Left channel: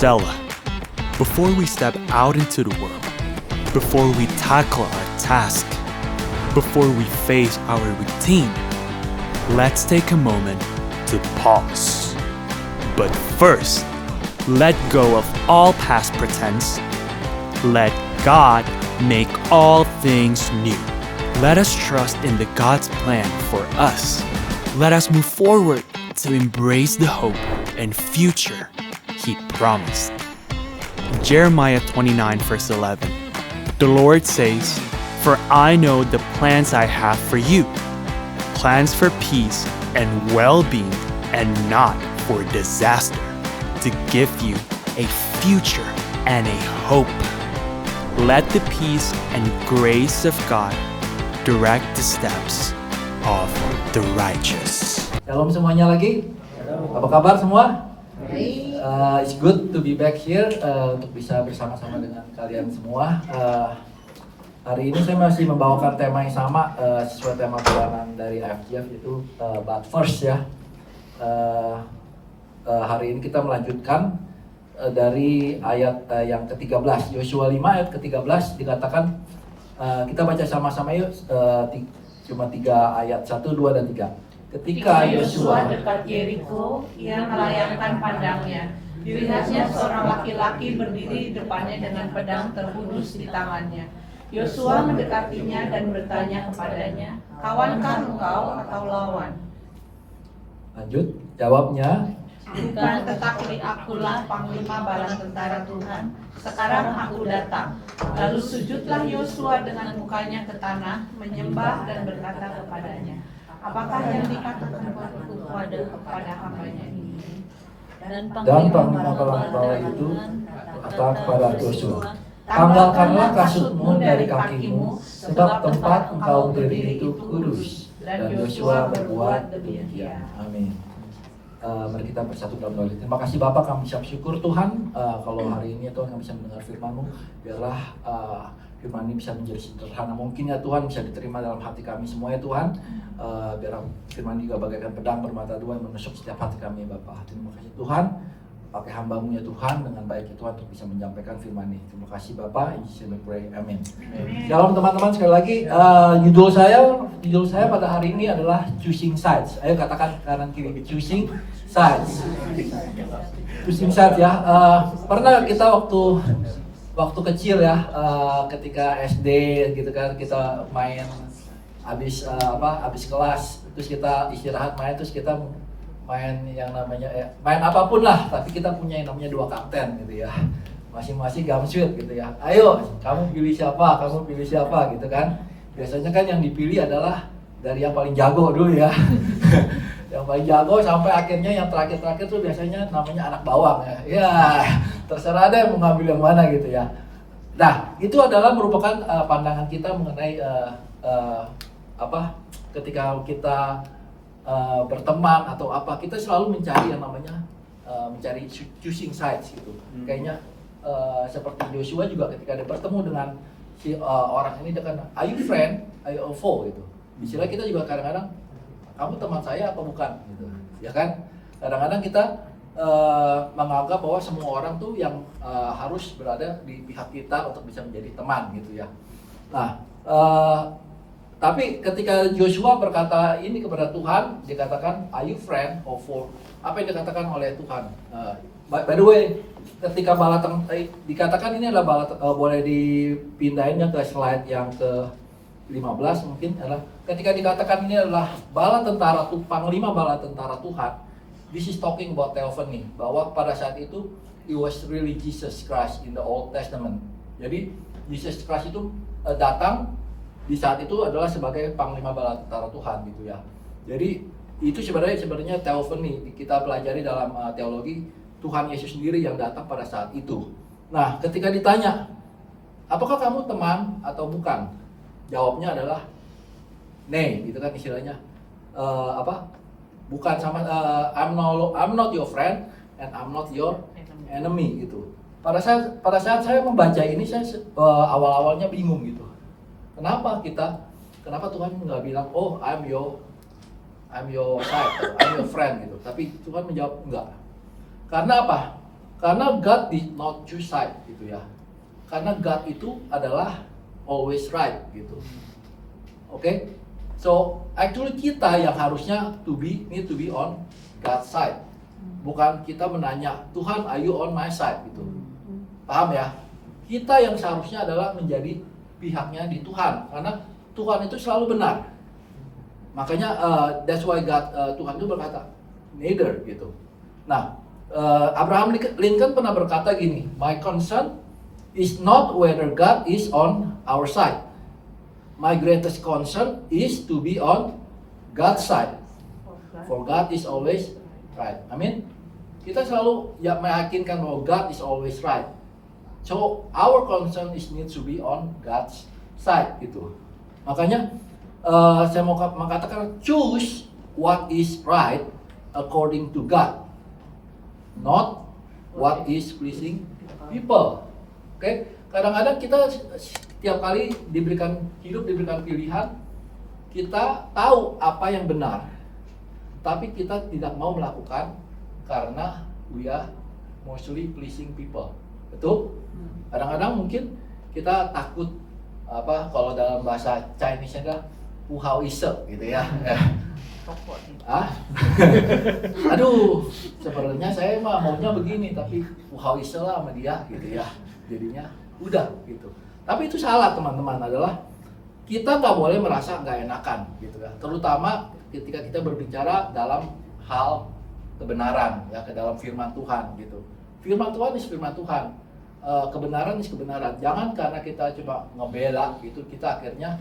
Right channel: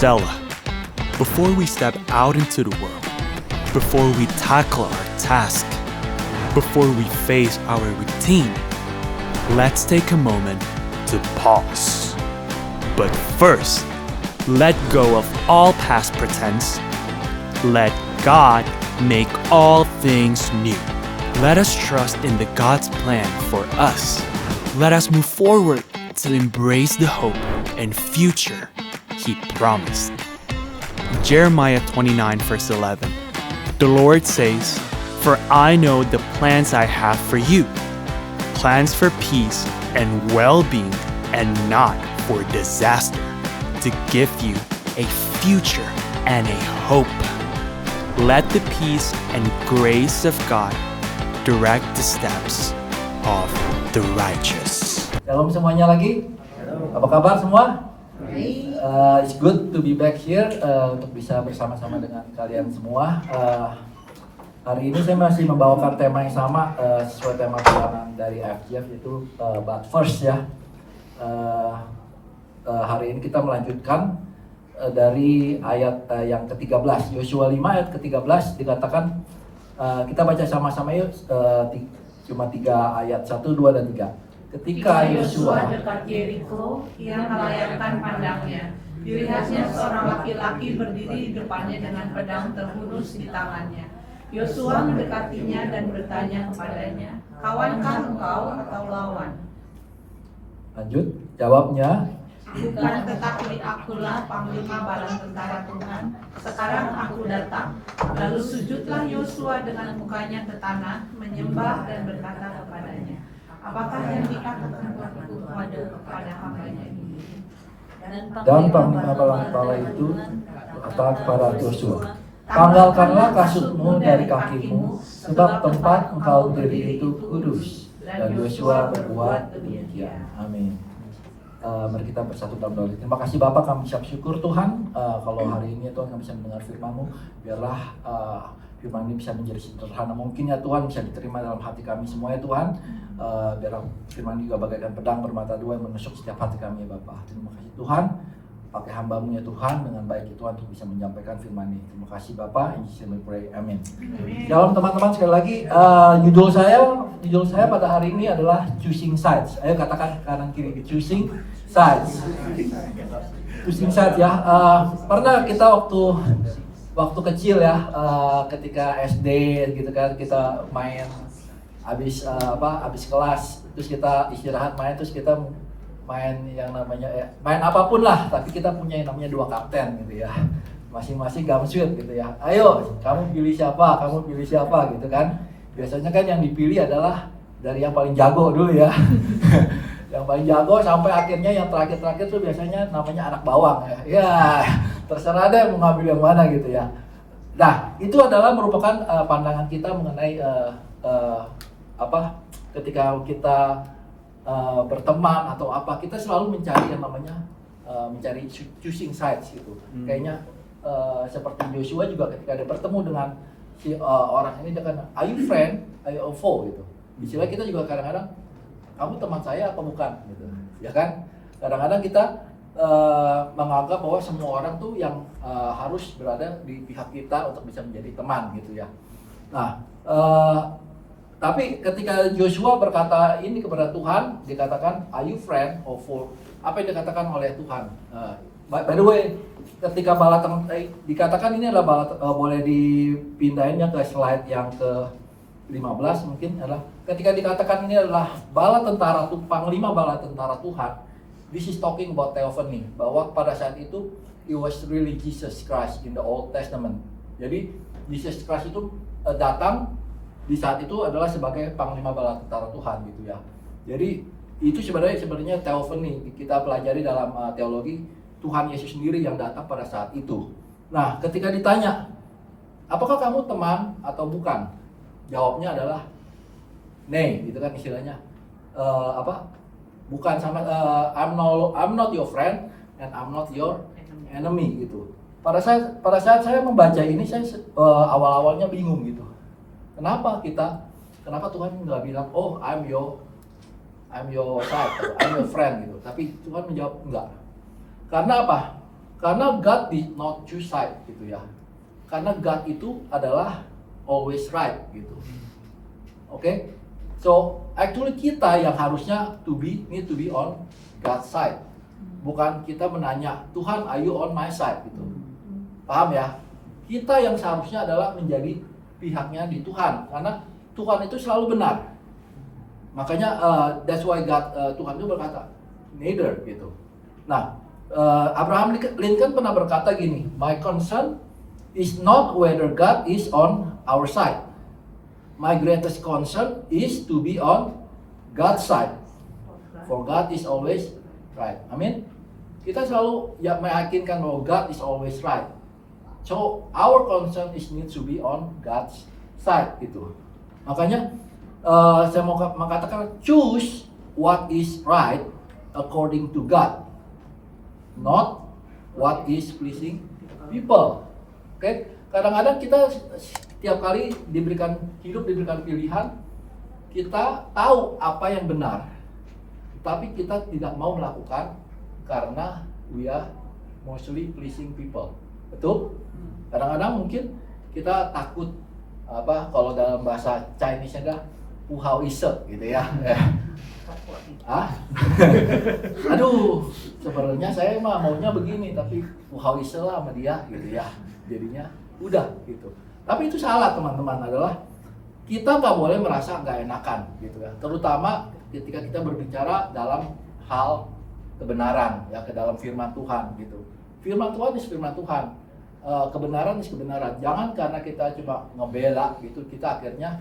Selah. Before we step out into the world, before we tackle our task, before we face our routine, let's take a moment to pause. But first, let go of all past pretense. Let God make all things new. Let us trust in the God's plan for us. Let us move forward to embrace the hope and future He promised. Jeremiah 29 verse 11. The Lord says, "For I know the plans I have for you, plans for peace and well-being and not for disaster, to give you a future and a hope." Let the peace and grace of God direct the steps of the righteous. Shalom semuanya lagi. Apa kabar semua? It's good to be back here untuk bisa bersama-sama dengan kalian semua. Hari ini saya masih membawakan tema yang sama sesuai tema pegangan dari FGF yaitu But First ya. Hari ini kita melanjutkan dari ayat yang ke-13, Yosua 5 ayat ke-13 dikatakan, kita baca sama-sama yuk, cuma 3 ayat, 1, 2, dan 3. Ketika Yosua dekat Yeriko, ia melayangkan pandangnya. Dilihatnya seorang laki-laki berdiri di depannya dengan pedang terhunus di tangannya. Yosua mendekatinya dan bertanya kepadanya, "Kawankah engkau atau lawan?" Lanjut, jawabnya, "Bukan, tetapi akulah panglima bala tentara Tuhan. Sekarang aku datang." Lalu sujudlah Yosua dengan mukanya ke tanah, menyembah dan berkata kepadanya, "Apakah yang dikatakan kepada hambanya ini?" dan panglima bala itu kata kepada Yosua, "Tanggalkanlah kasutmu dari kakimu, sebab tempat engkau berdiri itu kudus." Dan Yosua berbuat demikian. Amin. Mari kita bersatu dalam doa. Terima kasih Bapak, kami ucap syukur Tuhan kalau hari ini Tuhan kami bisa mendengar firman-Mu. Biarlah firman ini bisa menjadi sederhana mungkin ya Tuhan, bisa diterima dalam hati kami semua ya Tuhan. Biar firman juga bagaikan pedang bermata dua yang menusuk setiap hati kami ya Bapak. Terima kasih Tuhan, pakai hamba-Mu ya Tuhan dengan baik ya Tuhan untuk bisa menyampaikan firman ini. Terima kasih Bapak, in Jesus name we pray, amin. Shalom teman-teman, sekali lagi judul saya pada hari ini adalah Choosing Sides. Ayo katakan kanan kiri, Choosing Sides. Choosing Sides ya. Pernah kita waktu kecil ya, ketika SD gitu kan, kita main habis kelas, terus kita istirahat main, terus kita main yang namanya main apapun lah, tapi kita punya yang namanya 2 kapten gitu ya, masing-masing gamsuit gitu ya. Ayo kamu pilih siapa gitu kan. Biasanya kan yang dipilih adalah dari yang paling jago dulu ya. Yang paling jago sampai akhirnya yang terakhir tuh biasanya namanya anak bawang ya. Ya terserah deh mau ngambil yang mana gitu ya. Nah itu adalah merupakan pandangan kita mengenai ketika kita berteman atau apa, kita selalu mencari yang namanya mencari choosing sides gitu. Kayaknya seperti Yosua juga ketika dia bertemu dengan si orang ini, dia kan, "Are you friend? Are you a foe?" gitu. Istilah kita juga kadang-kadang, "Kamu teman saya apa bukan?" gitu. Ya kan? Kadang-kadang kita menganggap bahwa semua orang tuh yang harus berada di pihak kita untuk bisa menjadi teman gitu ya. Nah, tapi ketika Yosua berkata ini kepada Tuhan, dikatakan, "Are you friend or foe?" Apa yang dikatakan oleh Tuhan? By the way, ketika dikatakan ini adalah boleh dipindahin ke slide yang ke-15 mungkin, adalah ketika dikatakan ini adalah panglima bala tentara Tuhan. This is talking about theophany, bahwa pada saat itu it was really Jesus Christ in the Old Testament. Jadi Jesus Christ itu datang di saat itu adalah sebagai panglima bala tentara Tuhan gitu ya. Jadi itu sebenarnya theophany, kita pelajari dalam teologi, Tuhan Yesus sendiri yang datang pada saat itu. Nah, ketika ditanya, "Apakah kamu teman atau bukan?" Jawabnya adalah "Nay," gitu kan istilahnya. Bukan sama, I'm not your friend and I'm not your enemy gitu. Pada saat saya membaca ini, saya awal-awalnya bingung gitu. Kenapa Tuhan nggak bilang, "Oh, I'm your side, I'm your friend" gitu. Tapi Tuhan menjawab enggak. Karena apa? Karena God did not choose side gitu ya. Karena God itu adalah always right gitu. Oke? So actually kita yang harusnya need to be on God's side. Bukan kita menanya, Tuhan are you on my side gitu. Paham ya? Kita yang seharusnya adalah menjadi pihaknya di Tuhan, karena Tuhan itu selalu benar. Makanya that's why Tuhan itu berkata neither gitu. Nah, Abraham Lincoln pernah berkata gini, my concern is not whether God is on our side. My greatest concern is to be on God's side. For God is always right. Amin. Kita selalu meyakinkan bahwa God is always right. So our concern needs to be on God's side gitu. Makanya saya mau mengatakan choose what is right according to God, not what is pleasing people. Oke? Kadang-kadang kita setiap kali diberikan pilihan, kita tahu apa yang benar, tapi kita tidak mau melakukan karena we are mostly pleasing people. Betul? Kadang-kadang mungkin kita takut kalau dalam bahasa Chinese adalah puhao ise gitu ya. Aduh, sebenarnya saya maunya begini, tapi puhao ise lah sama dia gitu ya. Jadinya udah gitu. Tapi itu salah teman-teman, adalah kita nggak boleh merasa nggak enakan gitu ya. Terutama ketika kita berbicara dalam hal kebenaran ya, ke dalam firman Tuhan gitu. Firman Tuhan is firman Tuhan. Kebenaran is kebenaran. Jangan karena kita cuma ngebela gitu, kita akhirnya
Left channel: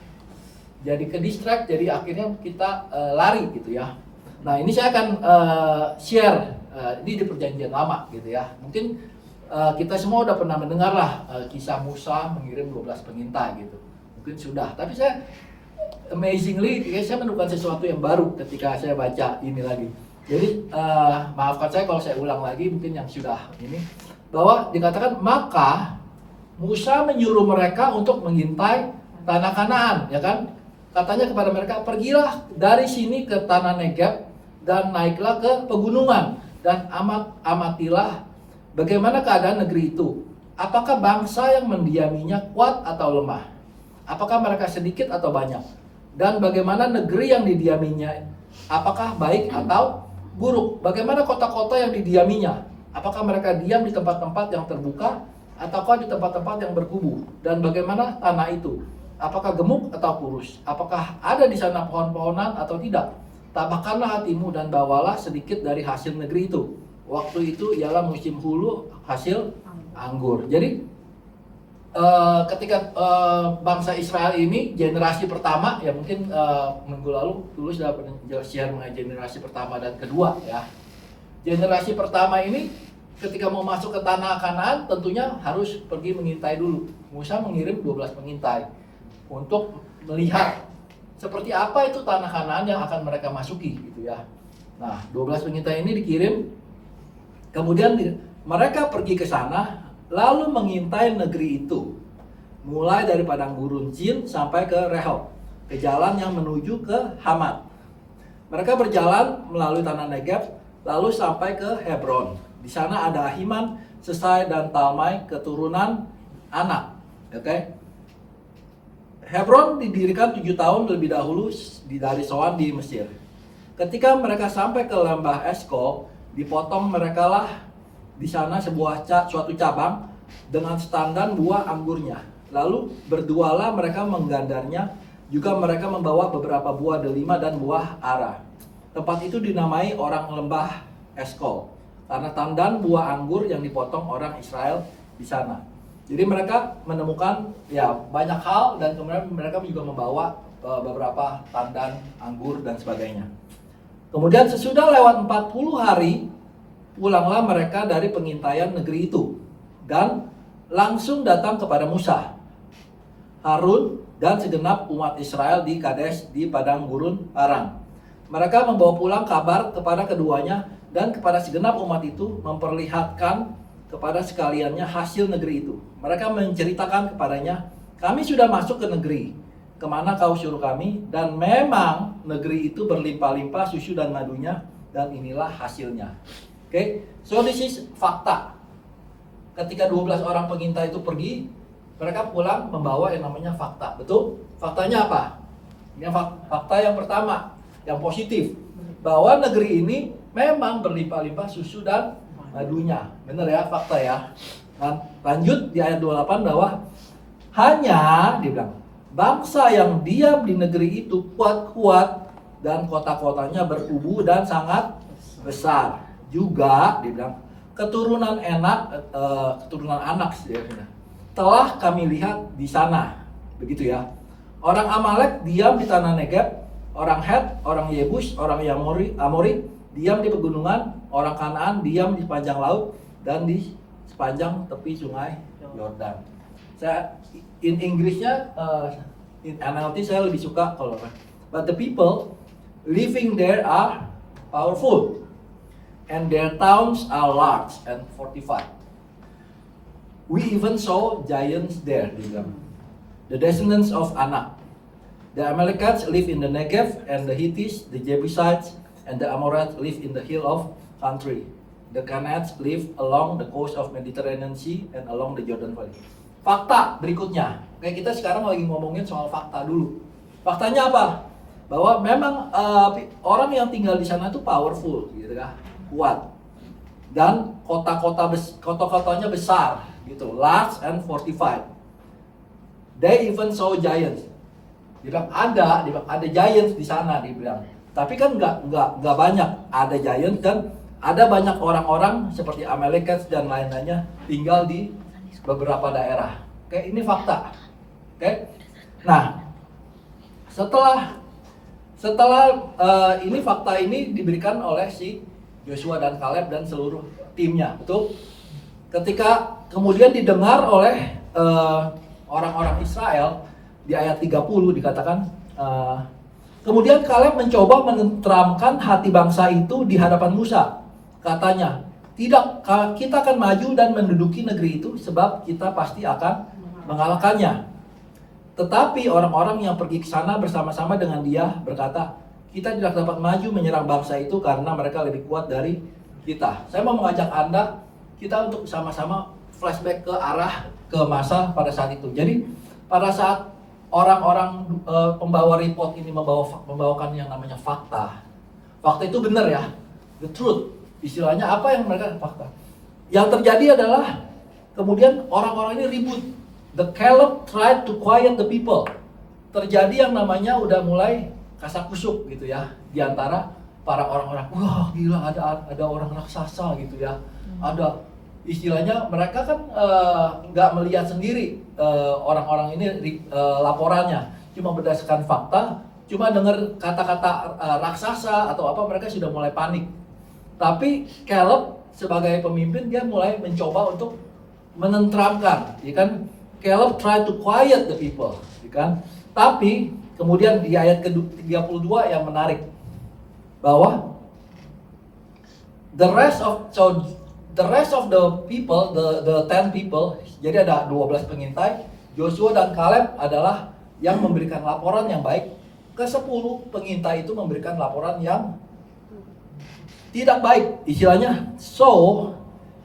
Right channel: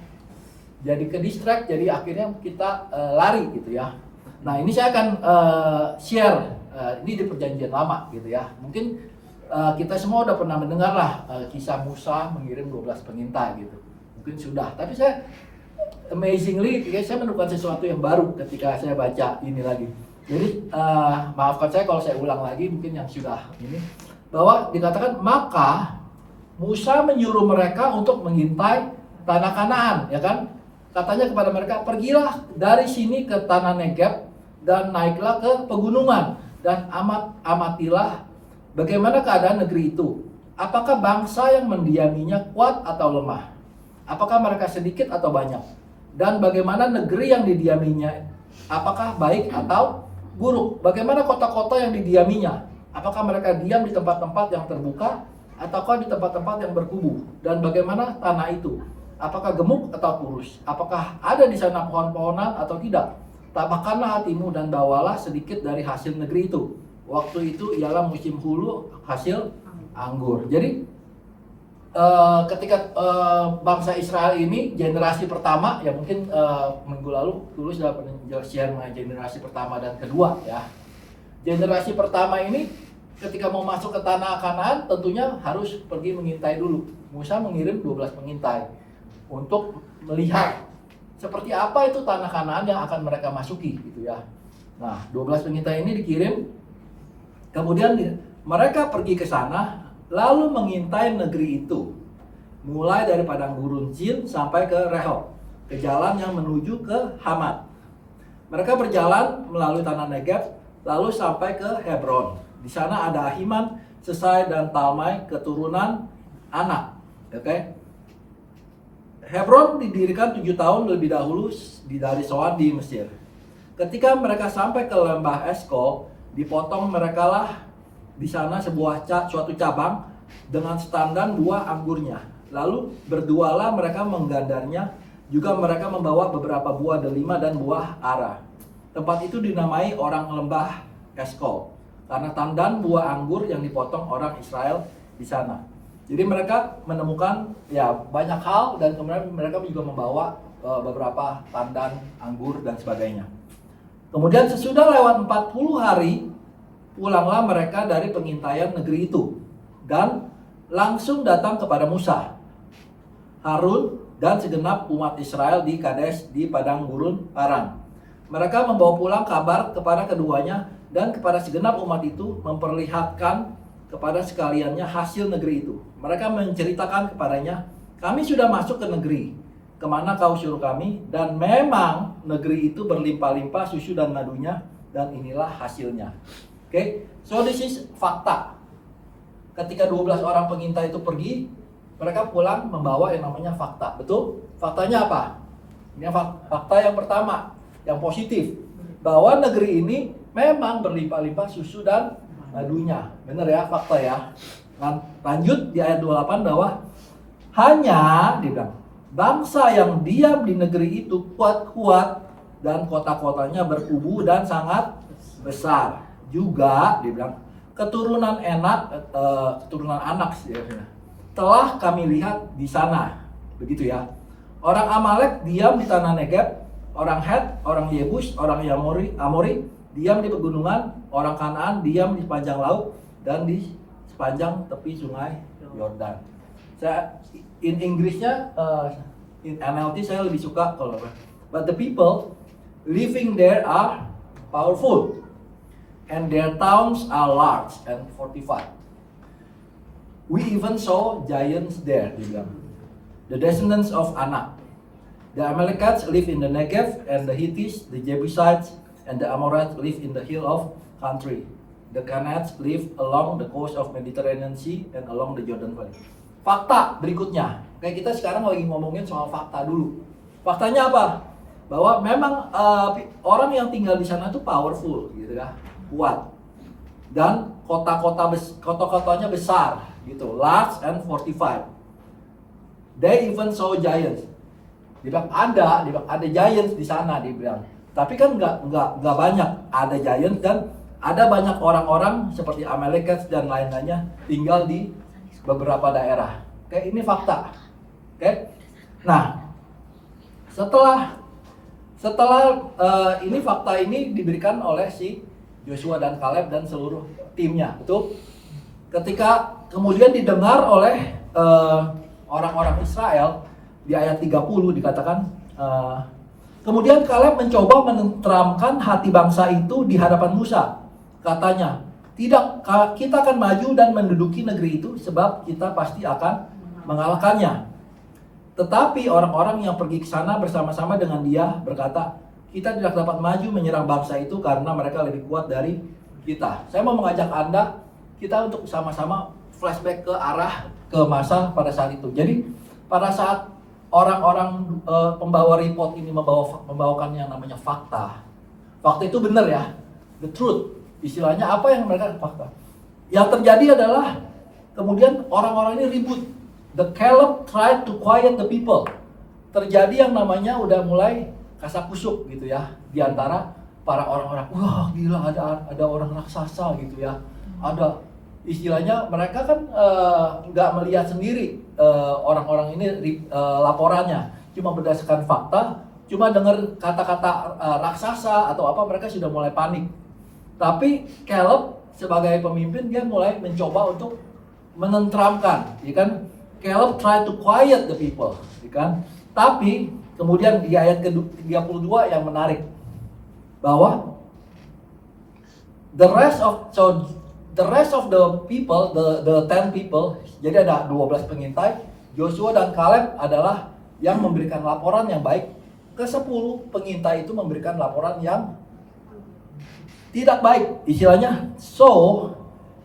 jadi ke distract, jadi akhirnya kita lari gitu ya. Nah, ini saya akan share ini di perjanjian lama gitu ya. Mungkin kita semua udah pernah mendengar lah kisah Musa mengirim 12 pengintai gitu. Mungkin sudah, tapi saya amazingly saya menemukan sesuatu yang baru ketika saya baca ini lagi. Jadi maafkan saya kalau saya ulang lagi, mungkin yang sudah ini, bahwa dikatakan maka Musa menyuruh mereka untuk mengintai tanah Kanaan, ya kan? Katanya kepada mereka, pergilah dari sini ke tanah Negeb dan naiklah ke pegunungan dan amatilah bagaimana keadaan negeri itu. Apakah bangsa yang mendiaminya kuat atau lemah? Apakah mereka sedikit atau banyak? Dan bagaimana negeri yang didiaminya? Apakah baik atau buruk? Bagaimana kota-kota yang didiaminya? Apakah mereka diam di tempat-tempat yang terbuka ataukah di tempat-tempat yang berkubu? Dan bagaimana tanah itu? Apakah gemuk atau kurus? Apakah ada di sana pohon-pohonan atau tidak? Tabahkanlah hatimu dan bawalah sedikit dari hasil negeri itu. Waktu itu ialah musim hulu hasil anggur. Jadi ketika bangsa Israel ini generasi pertama, ya mungkin minggu lalu Tulus sudah pernah share mengenai generasi pertama dan kedua ya. Generasi pertama ini ketika mau masuk ke tanah Kanaan tentunya harus pergi mengintai dulu. Musa mengirim 12 pengintai untuk melihat seperti apa itu tanah Kanaan yang akan mereka masuki gitu ya. Nah, 12 pengintai ini dikirim, kemudian mereka pergi ke sana lalu mengintai negeri itu. Mulai dari padang gurun Zin sampai ke Rehob, ke jalan yang menuju ke Hamat. Mereka berjalan melalui tanah Negeb lalu sampai ke Hebron. Di sana ada Ahiman, Sesai dan Talmai, keturunan Anak. Oke. Hebron didirikan 7 tahun lebih dahulu dari Soan di Mesir. Ketika mereka sampai ke lembah Eskol, dipotong merekalah di sana suatu cabang dengan standan buah anggurnya. Lalu berdualah mereka menggandarnya. Juga mereka membawa beberapa buah delima dan buah ara. Tempat itu dinamai orang lembah Eskol karena tandan buah anggur yang dipotong orang Israel di sana. Jadi mereka menemukan ya banyak hal, dan kemudian mereka juga membawa beberapa tandan anggur dan sebagainya. Kemudian sesudah lewat 40 hari pulanglah mereka dari pengintaian negeri itu dan langsung datang kepada Musa, Harun dan segenap umat Israel di Kades di padang gurun Paran. Mereka membawa pulang kabar kepada keduanya dan kepada segenap umat itu, memperlihatkan kepada sekaliannya hasil negeri itu. Mereka menceritakan kepadanya, kami sudah masuk ke negeri kemana kau suruh kami, dan memang negeri itu berlimpah-limpah susu dan madunya, dan inilah hasilnya. Oke, so this is fakta. ketika 12 orang pengintai itu pergi, mereka pulang membawa yang namanya fakta. Betul? Faktanya apa? Ini fakta yang pertama, yang positif, bahwa negeri ini memang berlimpah-limpah susu dan madunya. Benar ya, fakta ya. Lanjut di ayat 28 bahwa hanya dibilang bangsa yang diam di negeri itu kuat-kuat dan kota-kotanya berkubu dan sangat besar. Juga dibilang keturunan anak telah kami lihat di sana. Begitu ya. Orang Amalek diam di tanah Negeb, orang Het, orang Yebus, orang Amori diam di pegunungan, orang Kanaan diam di sepanjang laut dan di sepanjang tepi sungai Yordan. Saya in Inggrisnya, in NLT saya lebih suka kalau but the people living there are powerful and their towns are large and fortified. We even saw giants there, dibilang. The descendants of Anak. The Amalekites live in the Negev, and the Hittites, the Jebusites, and the Amorites live in the hill of country. The Canaanites live along the coast of Mediterranean Sea and along the Jordan Valley. Fakta berikutnya, kayak kita sekarang lagi ngomongin soal fakta dulu. Faktanya apa? Bahwa memang orang yang tinggal di sana itu powerful, gitu kan, kuat. Dan kota-kotanya besar, gitu, large and fortified. They even saw giants. Dibilang ada giants di sana, dibilang. Tapi kan nggak banyak, ada giants dan ada banyak orang-orang seperti Amalekites dan lain-lainnya tinggal di beberapa daerah. Oke, ini fakta. Oke. Nah, setelah ini fakta ini diberikan oleh si Joshua dan Kaleb dan seluruh timnya, betul? Ketika kemudian didengar oleh orang-orang Israel di ayat 30 dikatakan kemudian Kaleb mencoba menenteramkan hati bangsa itu di hadapan Musa. Katanya, tidak, kita akan maju dan menduduki negeri itu sebab kita pasti akan mengalahkannya. Tetapi orang-orang yang pergi ke sana bersama-sama dengan dia berkata, kita tidak dapat maju menyerang bangsa itu karena mereka lebih kuat dari kita. Saya mau mengajak Anda, kita untuk sama-sama flashback ke masa pada saat itu. Jadi pada saat orang-orang pembawa report ini membawakan yang namanya fakta. Fakta itu benar ya, the truth. Istilahnya apa yang mereka fakta. Yang terjadi adalah kemudian orang-orang ini ribut. The Caleb tried to quiet the people. Terjadi yang namanya udah mulai kasak-kusuk gitu ya di antara para orang-orang. Wah gila, ada orang raksasa gitu ya. Ada istilahnya mereka kan nggak melihat sendiri orang-orang ini laporannya, cuma berdasarkan fakta, cuma dengar kata-kata raksasa atau apa mereka sudah mulai panik. Tapi Caleb sebagai pemimpin dia mulai mencoba untuk menenteramkan, ya kan? Caleb try to quiet the people, ya kan? Tapi kemudian di ayat ke-32 yang menarik bahwa the rest of the people, the 10 people, jadi ada 12 pengintai, Joshua dan Kaleb adalah yang memberikan laporan yang baik, ke-10 pengintai itu memberikan laporan yang tidak baik, istilahnya. So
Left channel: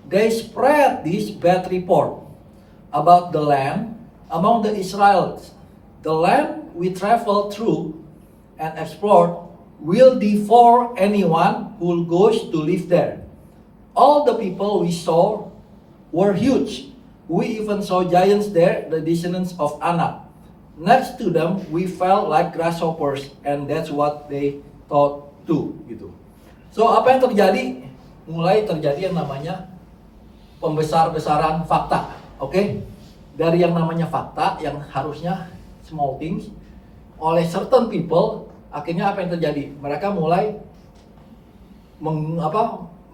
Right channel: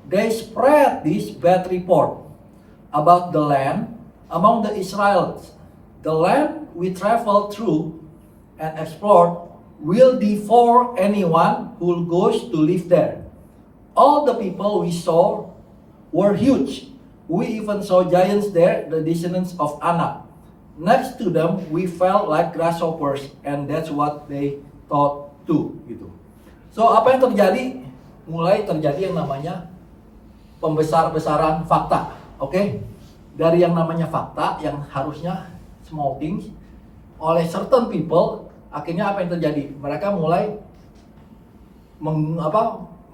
they spread this bad report about the land among the Israelites. The land we travel through and explored will devour anyone who goes to live there. All the people we saw were huge. We even saw giants there, the descendants of Anak. Next to them, we felt like grasshoppers, and that's what they thought too. Gitu. So apa yang terjadi? Mulai terjadi yang namanya pembesar-besaran fakta, oke? Dari yang namanya fakta yang harusnya small things, oleh certain people, akhirnya apa yang terjadi? Mereka mulai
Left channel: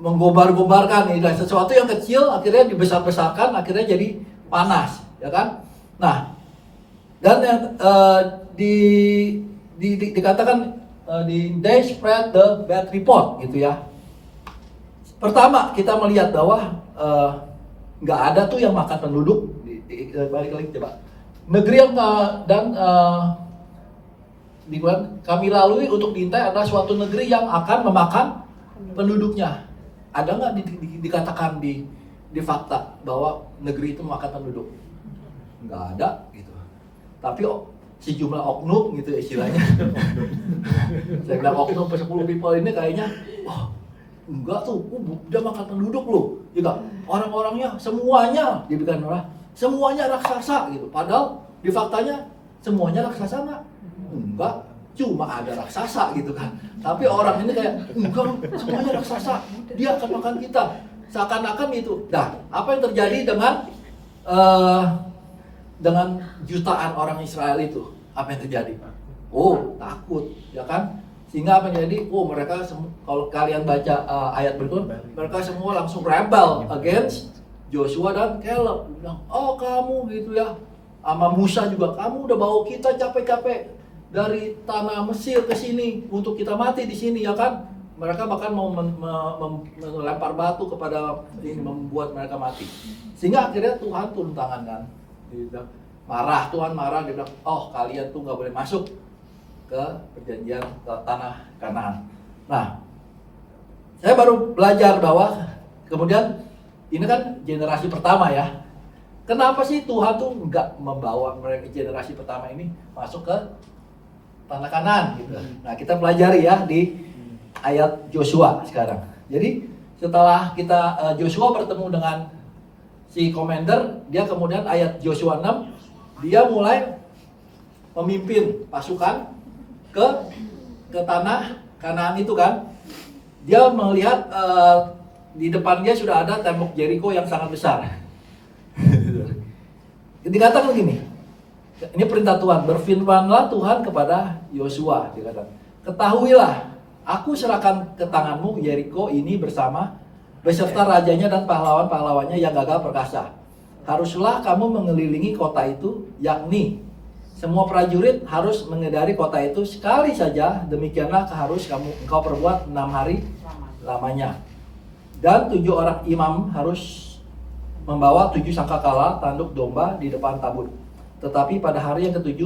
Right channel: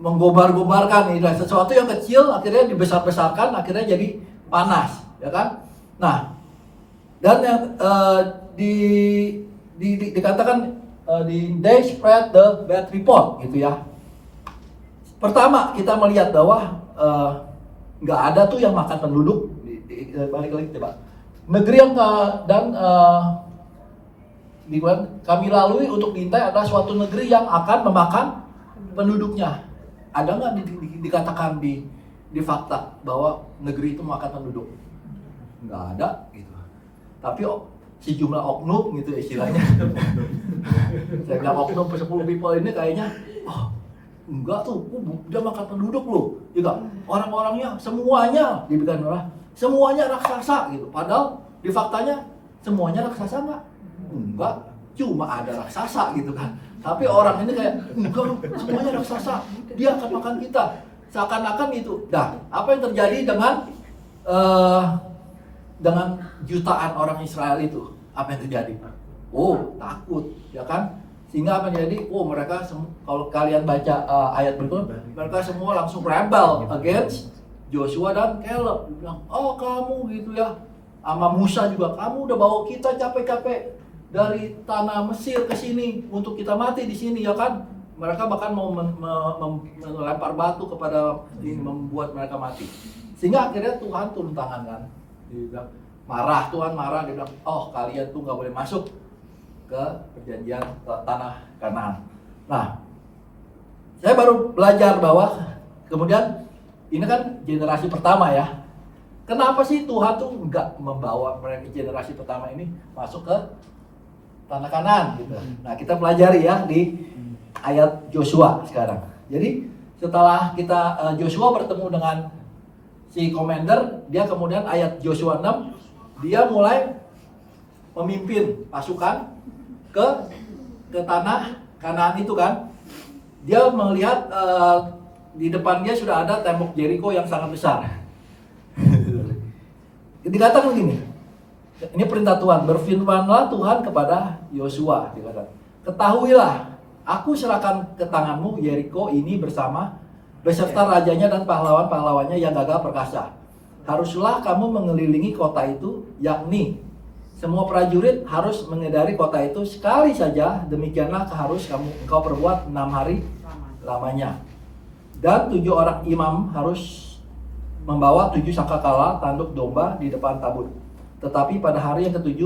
menggobar-gobarkan sesuatu yang kecil akhirnya dibesar-besarkan, akhirnya jadi panas, ya kan? Nah, dan yang dikatakan they spread the bad report, gitu ya. Pertama kita melihat bahwa nggak ada tuh yang makan penduduk. Balik lagi coba. Negeri yang kami lalui untuk diintai adalah suatu negeri yang akan memakan penduduknya. Ada nggak dikatakan di di fakta bahwa negeri itu makan penduduk? Nggak ada gitu. Tapi sejumlah oknum gitu istilahnya. Saya bilang oknum 10 people ini kayaknya, enggak tuh, udah makan penduduk loh. Juga orang-orangnya semuanya dibikin orang, semuanya raksasa gitu. Padahal di faktanya semuanya raksasa enggak, cuma ada raksasa gitu kan. Tapi orang ini kayak, enggak, semuanya raksasa, dia akan makan kita. Seakan-akan itu. Nah, apa yang terjadi dengan jutaan orang Israel itu? Apa yang terjadi? Takut, ya kan? Sehingga apa yang terjadi? Mereka kalau kalian baca ayat berikut, mereka semua langsung rebel against Joshua dan Caleb. Bilang, kamu gitu ya. Sama Musa juga, kamu udah bawa kita capek-capek dari tanah Mesir ke sini untuk kita mati di sini, ya kan? Mereka bahkan mau melempar batu kepada ini, membuat mereka mati. Sehingga akhirnya Tuhan turun tangan kan. Dia bilang, Tuhan marah, dia bilang, kalian tuh nggak boleh masuk ke perjanjian ke tanah Kanaan. Nah, saya baru belajar bahwa kemudian ini kan generasi pertama ya. Kenapa sih Tuhan tuh nggak membawa mereka generasi pertama ini masuk ke tanah Kanaan gitu? Nah, kita pelajari ya di ayat Joshua sekarang. Jadi setelah kita Joshua bertemu dengan si commander, dia kemudian ayat Joshua 6, dia mulai memimpin pasukan ke tanah Kanaan itu kan. Dia melihat di depan dia sudah ada tembok Jericho yang sangat besar. Dikatakan gini, ini perintah Tuhan, berfirmanlah Tuhan kepada Yosua, dikatakan, ketahuilah, aku serahkan ke tanganmu Jericho ini beserta rajanya dan pahlawan-pahlawannya yang gagah perkasa. Haruslah kamu mengelilingi kota itu, yakni semua prajurit harus mengedari kota itu sekali saja. Demikianlah harus engkau perbuat 6 hari lamanya. Dan 7 orang imam harus membawa 7 sangkakala tanduk domba di depan tabut. Tetapi pada hari yang ke-7,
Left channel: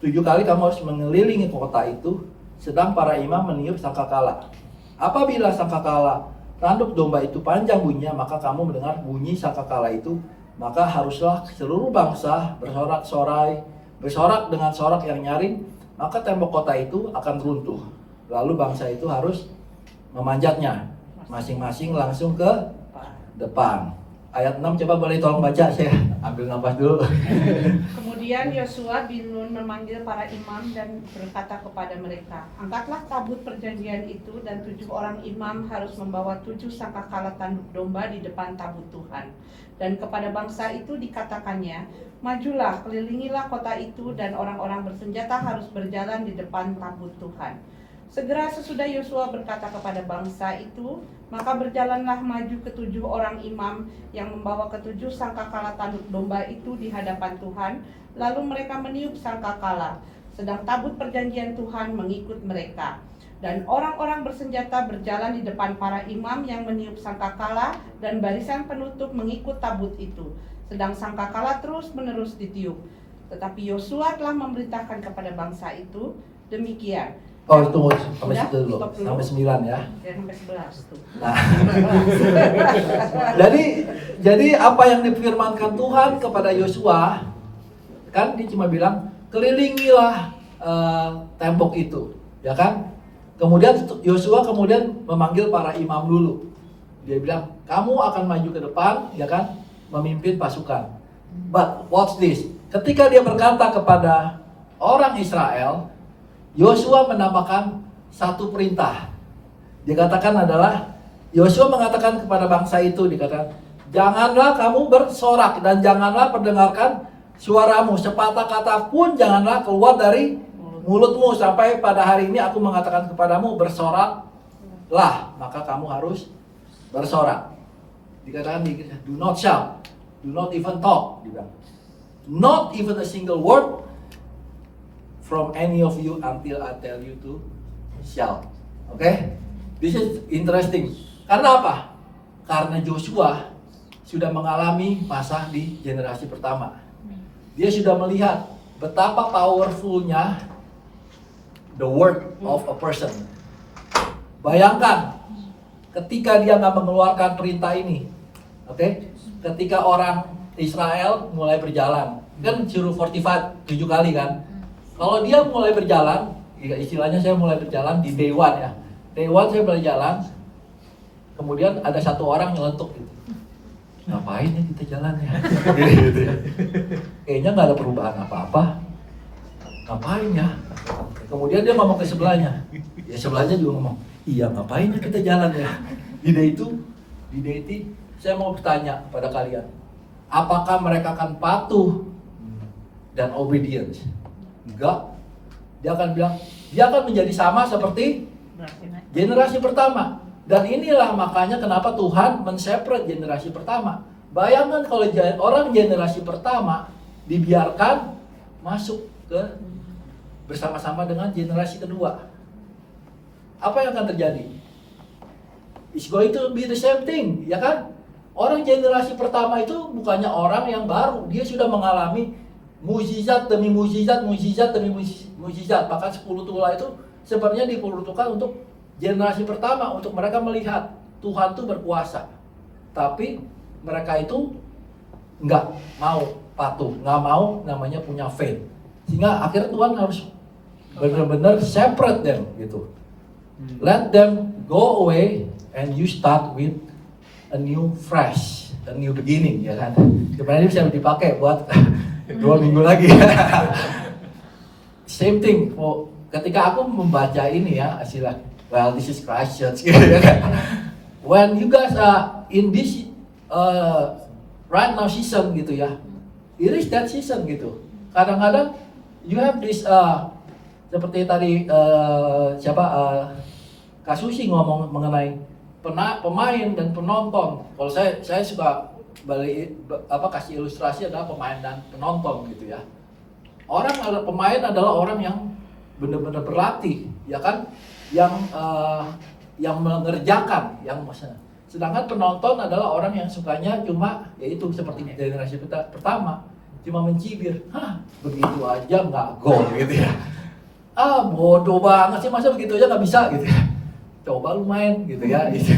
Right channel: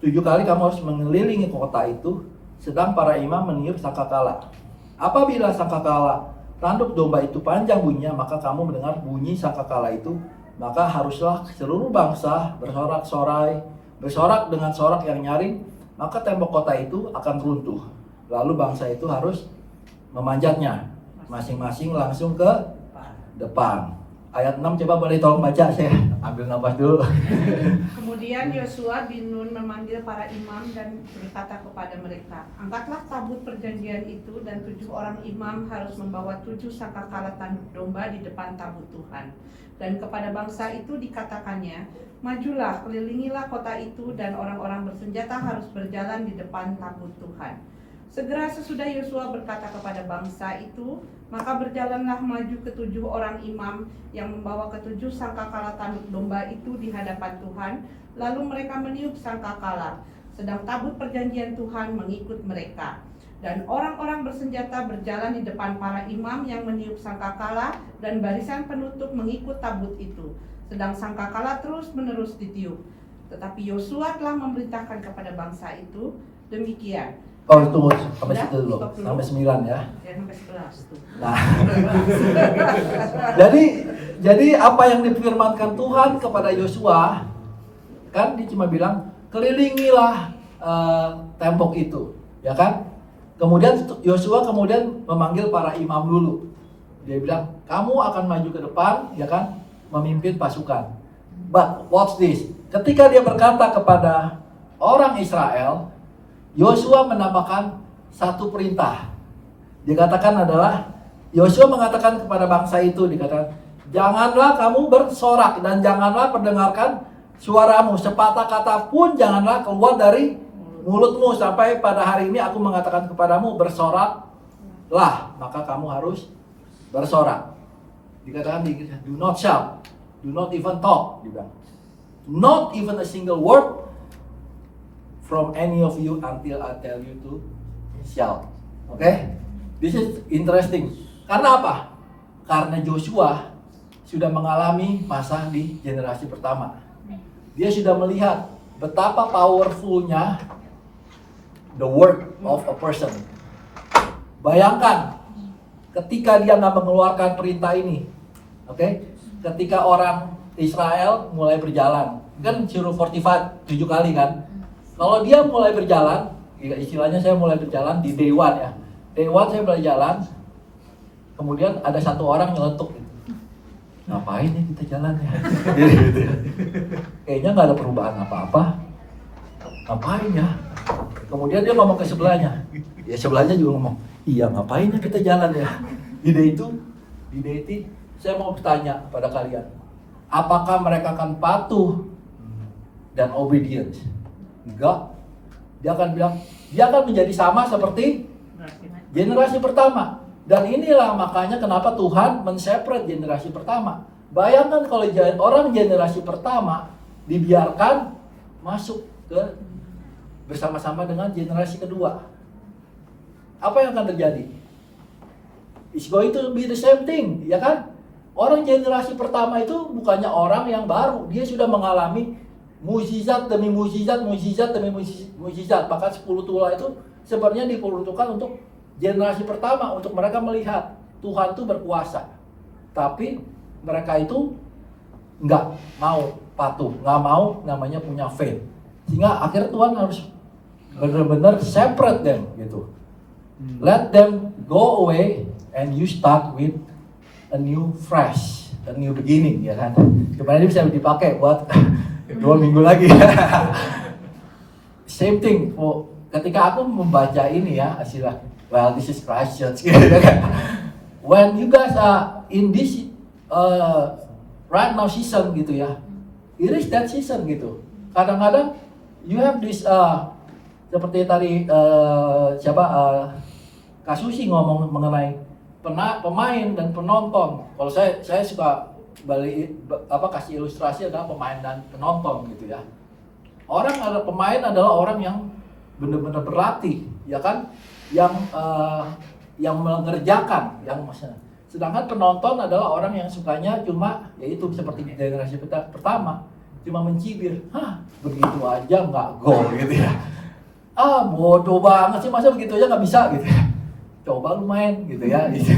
7 kali kamu harus mengelilingi kota itu, sedang para imam meniup sangkakala. Apabila sangkakala tanduk domba itu panjang bunyinya, maka kamu mendengar bunyi sangkakala itu, maka haruslah seluruh bangsa bersorak dengan sorak yang nyaring, maka tembok kota itu akan runtuh. Lalu bangsa itu harus memanjatnya, masing-masing langsung ke depan. Ayat 6 coba boleh tolong baca, saya ambil nafas dulu. Kemudian Yosua bin Nun memanggil para imam dan berkata kepada mereka, angkatlah tabut perjanjian itu, dan 7 orang imam harus membawa 7 sangkakala tanduk domba di depan tabut Tuhan. Dan kepada bangsa itu dikatakannya, majulah, kelilingilah kota itu, dan orang-orang bersenjata harus berjalan di depan tabut Tuhan. Segera sesudah Yosua berkata kepada bangsa itu, maka berjalanlah maju ke-7 orang imam yang membawa ke-7 sangkakala tanduk domba itu di hadapan Tuhan. Lalu mereka meniup sangkakala, sedang tabut perjanjian Tuhan mengikut mereka. Dan orang-orang bersenjata berjalan di depan para imam yang meniup sangkakala, dan barisan penutup mengikut tabut itu, sedang sangkakala terus-menerus ditiup. Tetapi Yosua telah memerintahkan kepada bangsa itu demikian. Tunggu sampai situ dulu, sampai 9 ya. Sampai 11 tuh. Nah, jadi apa yang difirmankan Tuhan kepada Yosua, kan dia cuma bilang kelilingilah tembok itu, ya kan? Kemudian Yosua kemudian memanggil para imam dulu. Dia bilang, kamu akan maju ke depan, ya kan, memimpin pasukan. But watch this, ketika dia berkata kepada orang Israel, Yosua menambahkan satu perintah. Dikatakan adalah, Yosua mengatakan kepada bangsa itu, dikatakan, janganlah kamu bersorak dan janganlah perdengarkan suaramu, sepatah kata pun janganlah keluar dari mulutmu sampai pada hari ini aku mengatakan kepadamu bersoraklah, maka kamu harus bersorak. Dikatakan, do not shout, do not even talk, dibilang. Not even a single word from any of you until I tell you to shout. Okay? This is interesting. Karena apa? Karena Joshua sudah mengalami masa di generasi pertama. Dia sudah melihat betapa powerfulnya the word of a person. Bayangkan ketika dia nggak mengeluarkan perintah ini, Oke, ketika orang Israel mulai berjalan, kan suruh 45 7 kali kan. Kalau dia mulai berjalan, ya istilahnya saya mulai berjalan di day one ya. Day one saya berjalan, kemudian ada satu orang nyeletuk gitu. Ngapain ya kita jalan ya? Gitu. Kayaknya nggak ada perubahan apa-apa. Ngapain ya? Kemudian dia ngomong ke sebelahnya. Ya sebelahnya juga ngomong, iya ngapain ya kita jalan ya? Di day itu, saya mau bertanya kepada kalian, apakah mereka akan patuh dan obedience? Enggak. Dia akan bilang, dia akan menjadi sama seperti generasi pertama. Dan inilah makanya kenapa Tuhan men-separate generasi pertama. Bayangkan kalau orang generasi pertama dibiarkan masuk ke bersama-sama dengan generasi kedua. Apa yang akan terjadi? It's going to be the same thing, ya kan? Orang generasi pertama itu bukannya orang yang baru, dia sudah mengalami mukjizat demi mukjizat, mukjizat demi mukjizat. Bahkan 10 tulah itu sebenarnya diperuntukkan untuk generasi pertama, untuk mereka melihat Tuhan itu berkuasa. Tapi mereka itu nggak mau patuh, nggak mau namanya punya faith. Sehingga akhirnya Tuhan harus benar-benar separate them gitu. Let them go away and you start with a new fresh, a new beginning, ya kan. Sebenarnya bisa dipakai buat 2 minggu lagi. Same thing. Ketika aku membaca ini ya, istilah, well this is Christ Church. When you guys are in this right now season gitu ya, it is that season gitu. Kadang-kadang you have this seperti tadi Kak Susi ngomong mengenai pemain dan penonton. Kalau saya suka kasih ilustrasi adalah pemain dan penonton gitu ya. Pemain adalah orang yang benar-benar berlatih, ya kan? Yang mengerjakan, sedangkan penonton adalah orang yang sukanya cuma yaitu seperti generasi pertama, cuma mencibir, begitu aja nggak gol gitu ya. Bodoh banget sih, masa begitu aja nggak bisa gitu ya. Coba lu main gitu ya, gitu.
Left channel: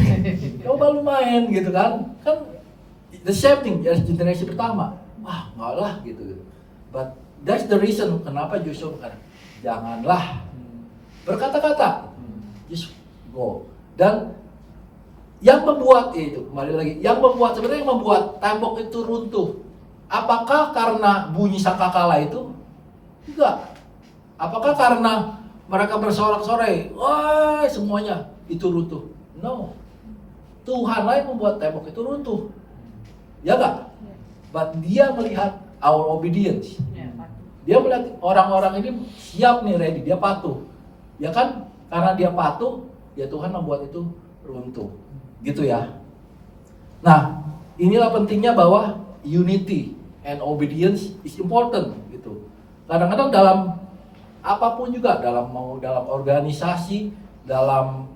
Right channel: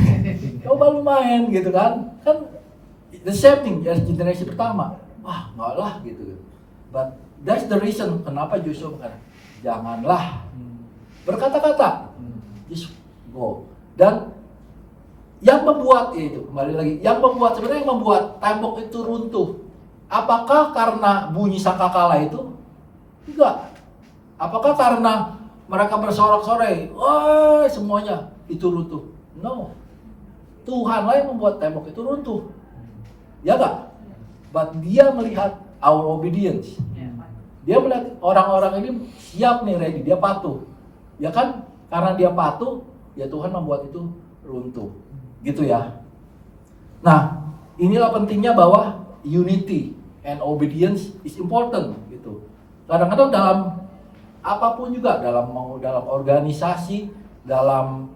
Coba lu main gitu kan the same thing generasi pertama, nggak lah gitu. But that's the reason kenapa Joshua berkata janganlah berkata-kata, just go. Dan yang membuat itu kembali lagi, sebenarnya yang membuat tembok itu runtuh, apakah karena bunyi sangkakala itu? Tidak. Apakah karena mereka bersorak-sorai, wah semuanya itu runtuh? No. Tuhanlah yang membuat tembok itu runtuh. Ya enggak? But dia melihat our obedience. Dia melihat orang-orang ini siap nih, ready, dia patuh. Ya kan? Karena dia patuh, ya Tuhan membuat itu runtuh. Gitu ya. Nah, inilah pentingnya bahwa unity and obedience is important gitu. Kadang-kadang dalam apapun juga, dalam organisasi, dalam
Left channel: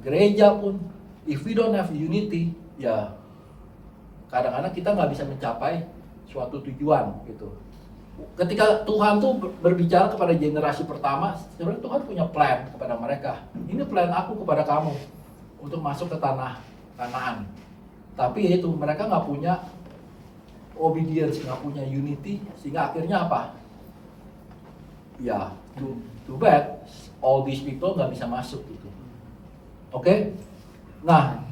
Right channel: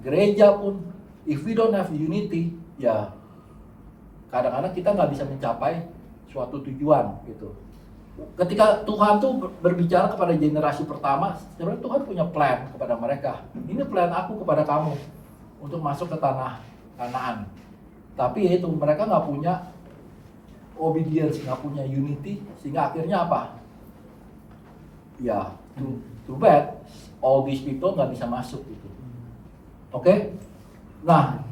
gereja pun, if we don't have unity, ya kadang-kadang kita nggak bisa mencapai suatu tujuan gitu. Ketika Tuhan tuh berbicara kepada generasi pertama, sebenarnya Tuhan punya plan kepada mereka. Ini plan aku kepada kamu untuk masuk ke tanah Kanaan. Tapi itu mereka nggak punya obedience, nggak punya unity, sehingga akhirnya apa? Ya, too bad, all these people nggak bisa masuk gitu. Oke? Nah,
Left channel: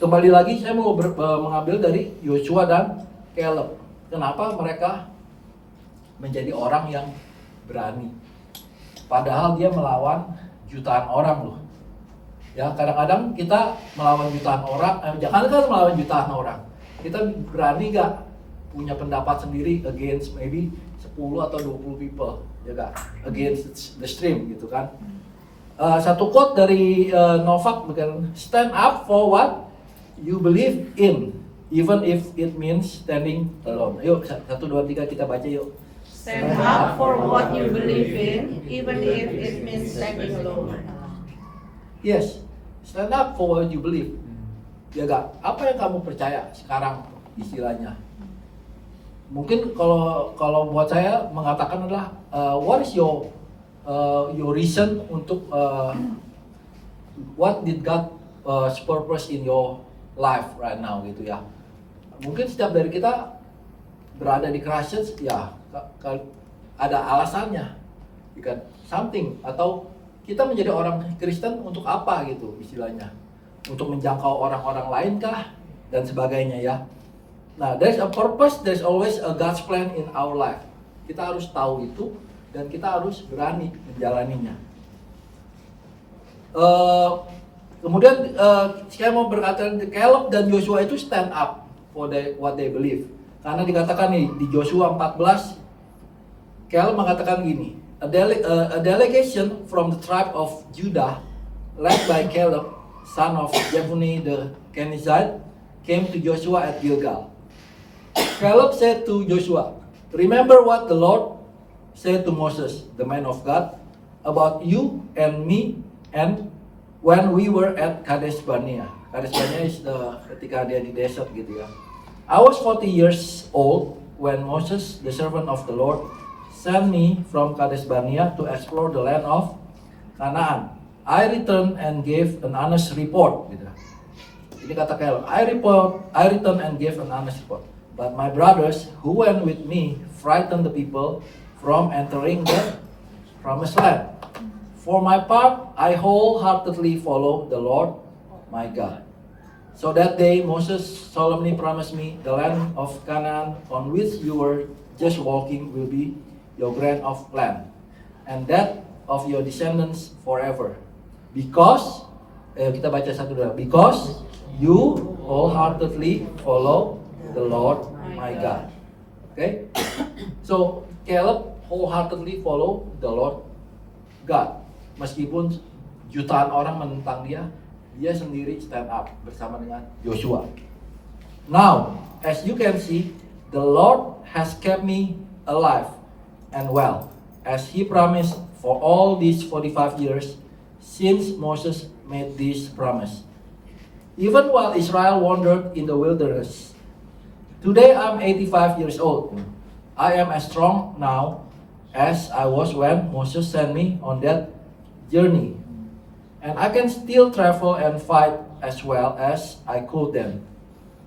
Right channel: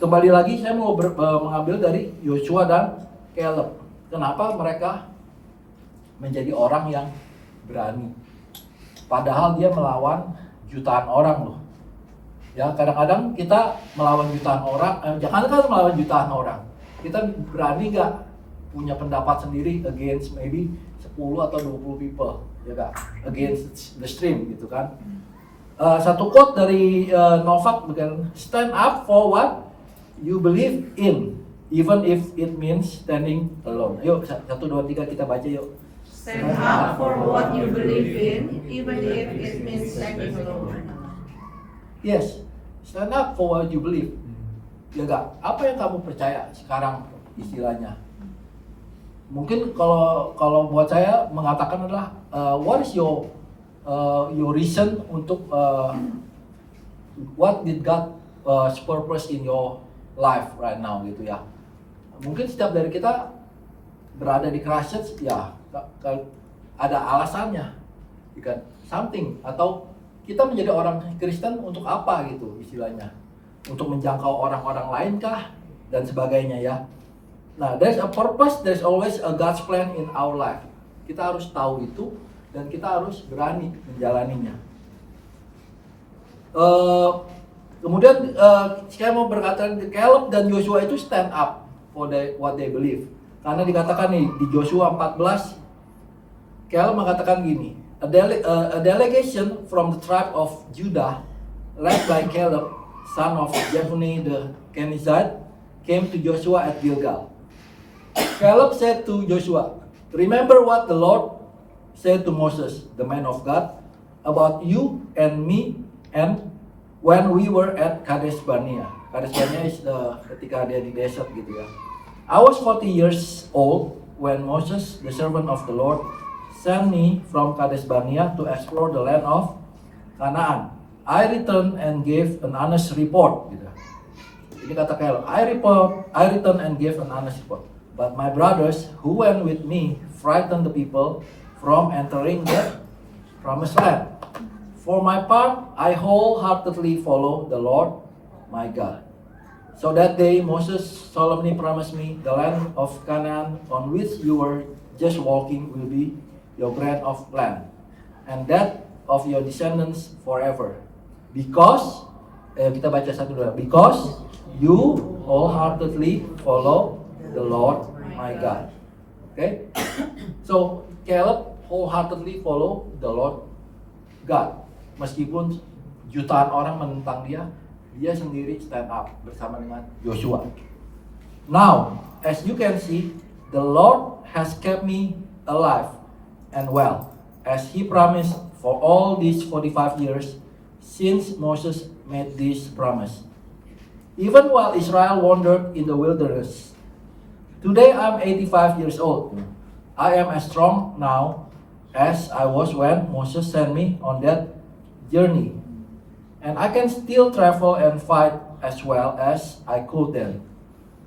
kembali lagi saya mau mengambil dari Yosua dan Caleb. Kenapa mereka menjadi orang yang berani? Padahal dia melawan jutaan orang loh. Ya, kadang-kadang kita melawan jutaan orang, jangan kan melawan jutaan orang. Kita berani nggak punya pendapat sendiri against maybe 10 atau 20 people, ya kan? Against the stream gitu kan. Satu quote dari Novak, stand up for what you believe in, even if it means standing alone. Yuk, 1, 2, 3 kita baca yuk. Stand up for what you believe in, even if it means standing alone. Yes, stand up for what you believe. Ya gak? Apa yang kamu percaya sekarang istilahnya? Mungkin kalau buat saya mengatakan adalah what is your reason untuk what did God purpose in your life right now gitu ya. Mungkin setiap dari kita berada di Christchurch ya ada alasannya, kan? Something, atau kita menjadi orang Kristen untuk apa gitu istilahnya, untuk menjangkau orang-orang lain kah dan sebagainya ya. Nah, there's a purpose, there's always a God's plan in our life. Kita harus tahu itu dan kita harus berani menjalaninya. Kemudian saya mau berkata Caleb dan Joshua itu stand up for what they believe. Karena dikatakan nih di Joshua 14, Caleb mengatakan gini, a delegation from the tribe of Judah led by Caleb, son of Jephunneh the Kenizzite, came to Joshua at Gilgal. Caleb said to Joshua, remember what the Lord said to Moses, the man of God, about you and me and when we were at Kadesh Barnea. Kadesh Barnea is ketika dia di desert gitu ya. I was 40 years old when Moses, the servant of the Lord, sent me from Kadesh Barnea to explore the land of Canaan. I returned and gave an honest report. Gitu. Ini kata Caleb, I returned and gave an honest report. But my brothers who went with me frightened the people from entering the promised land. For my part, I wholeheartedly follow the Lord my God. So that day Moses solemnly promised me, the land of Canaan on which you were just walking will be your grant of land, and that of your descendants forever. Because, kita baca satu dulu. Because you wholeheartedly follow the Lord my God. Okay? So, Caleb wholeheartedly follow the Lord God. Meskipun jutaan orang menentang dia sendiri stand up bersama dengan Joshua. Now, as you can see, the Lord has kept me alive and well, as He promised for all these 45 years since Moses made this promise. Even while Israel wandered in the wilderness. Today I'm 85 years old. I am as strong now as I was when Moses sent me on that journey. And I can still travel and fight as well as I could then.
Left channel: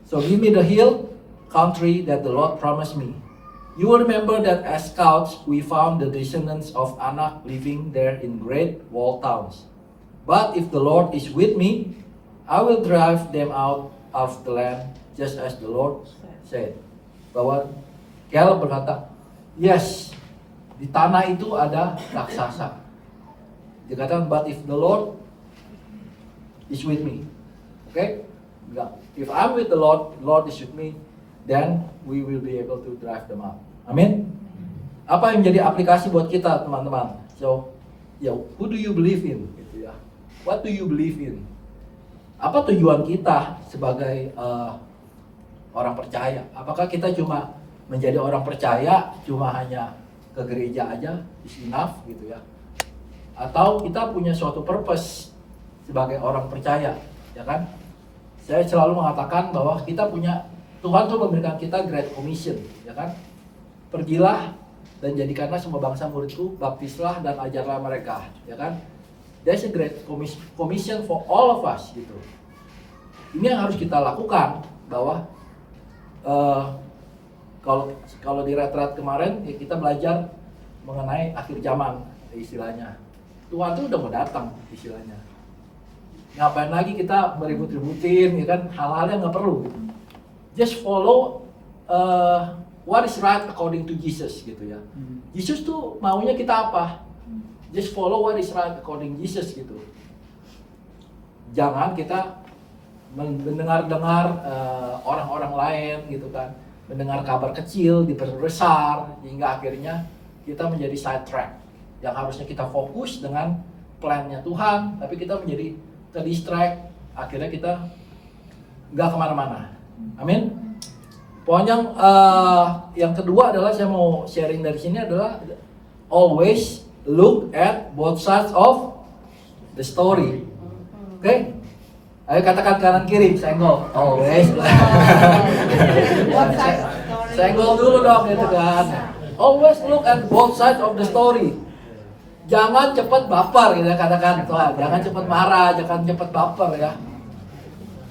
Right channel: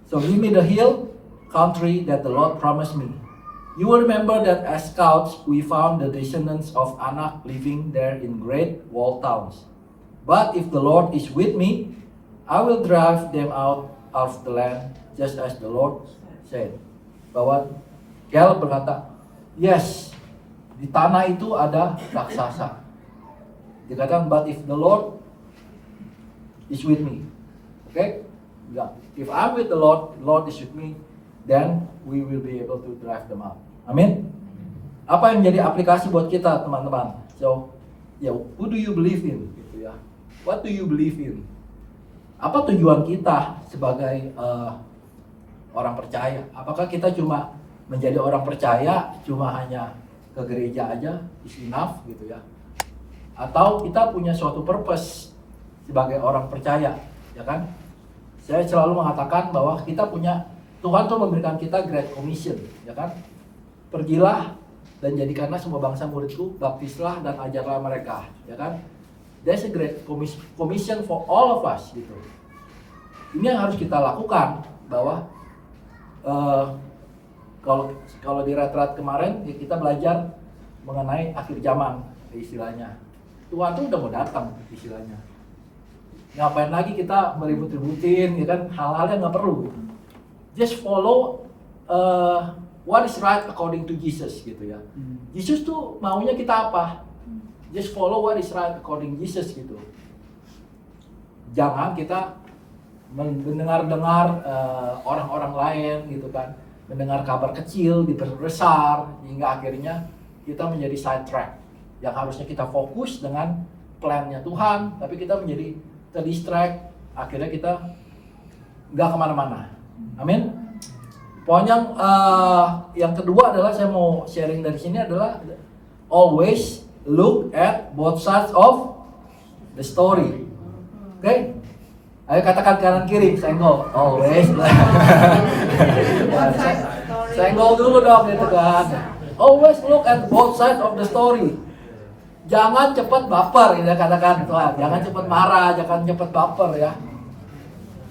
So give me the hill country that the Lord promised me. You will remember that as scouts we found the descendants of Anak living there in great walled towns. But if the Lord is with me, I will drive them out of the land just as the Lord said. Bahwa Caleb berkata, yes, di tanah itu ada raksasa. Dikatakan, but if the Lord is with me, okay? If I'm with the Lord is with me, then we will be able to drive them out. Amin. Apa yang menjadi aplikasi buat kita, teman-teman? So, who do you believe in? Gitu ya. What do you believe in? Apa tujuan kita sebagai orang percaya? Apakah kita cuma menjadi orang percaya, cuma hanya ke gereja aja, is enough gitu ya? Atau kita punya suatu purpose sebagai orang percaya, ya kan? Saya selalu mengatakan bahwa kita punya, Tuhan tuh memberikan kita Great Commission, ya kan? Pergilah dan jadikanlah semua bangsa muridku, baptislah dan ajarlah mereka, ya kan? There's a Great Commission for all of us, gitu. Ini yang harus kita lakukan, bahwa kalau di retret kemarin ya kita belajar mengenai akhir zaman, istilahnya. Tuhan tuh udah mau datang, istilahnya. Ngapain lagi kita meribut-ributin, ya kan? Hal-hal yang nggak perlu. Just follow what is right according to Jesus, gitu ya. Yesus tuh maunya kita apa? Just follow what is right according to Jesus, gitu. Jangan kita mendengar-dengar orang-orang lain, gitu kan. Mendengar kabar kecil diperbesar hingga akhirnya kita menjadi sidetrack. Yang harusnya kita fokus dengan plan-nya Tuhan, tapi kita menjadi terdistract, akhirnya kita nggak kemana-mana. Amin. Poin yang kedua adalah saya mau sharing dari sini adalah always look at both sides of the story. Oke? Okay? Ayo katakan kanan kiri, senggol. Always. Senggol dulu dong gitu kan. Always look at both sides of the story. Jangan cepat baper gitu ya, katakan. Jangan cepat marah, jangan cepat baper ya.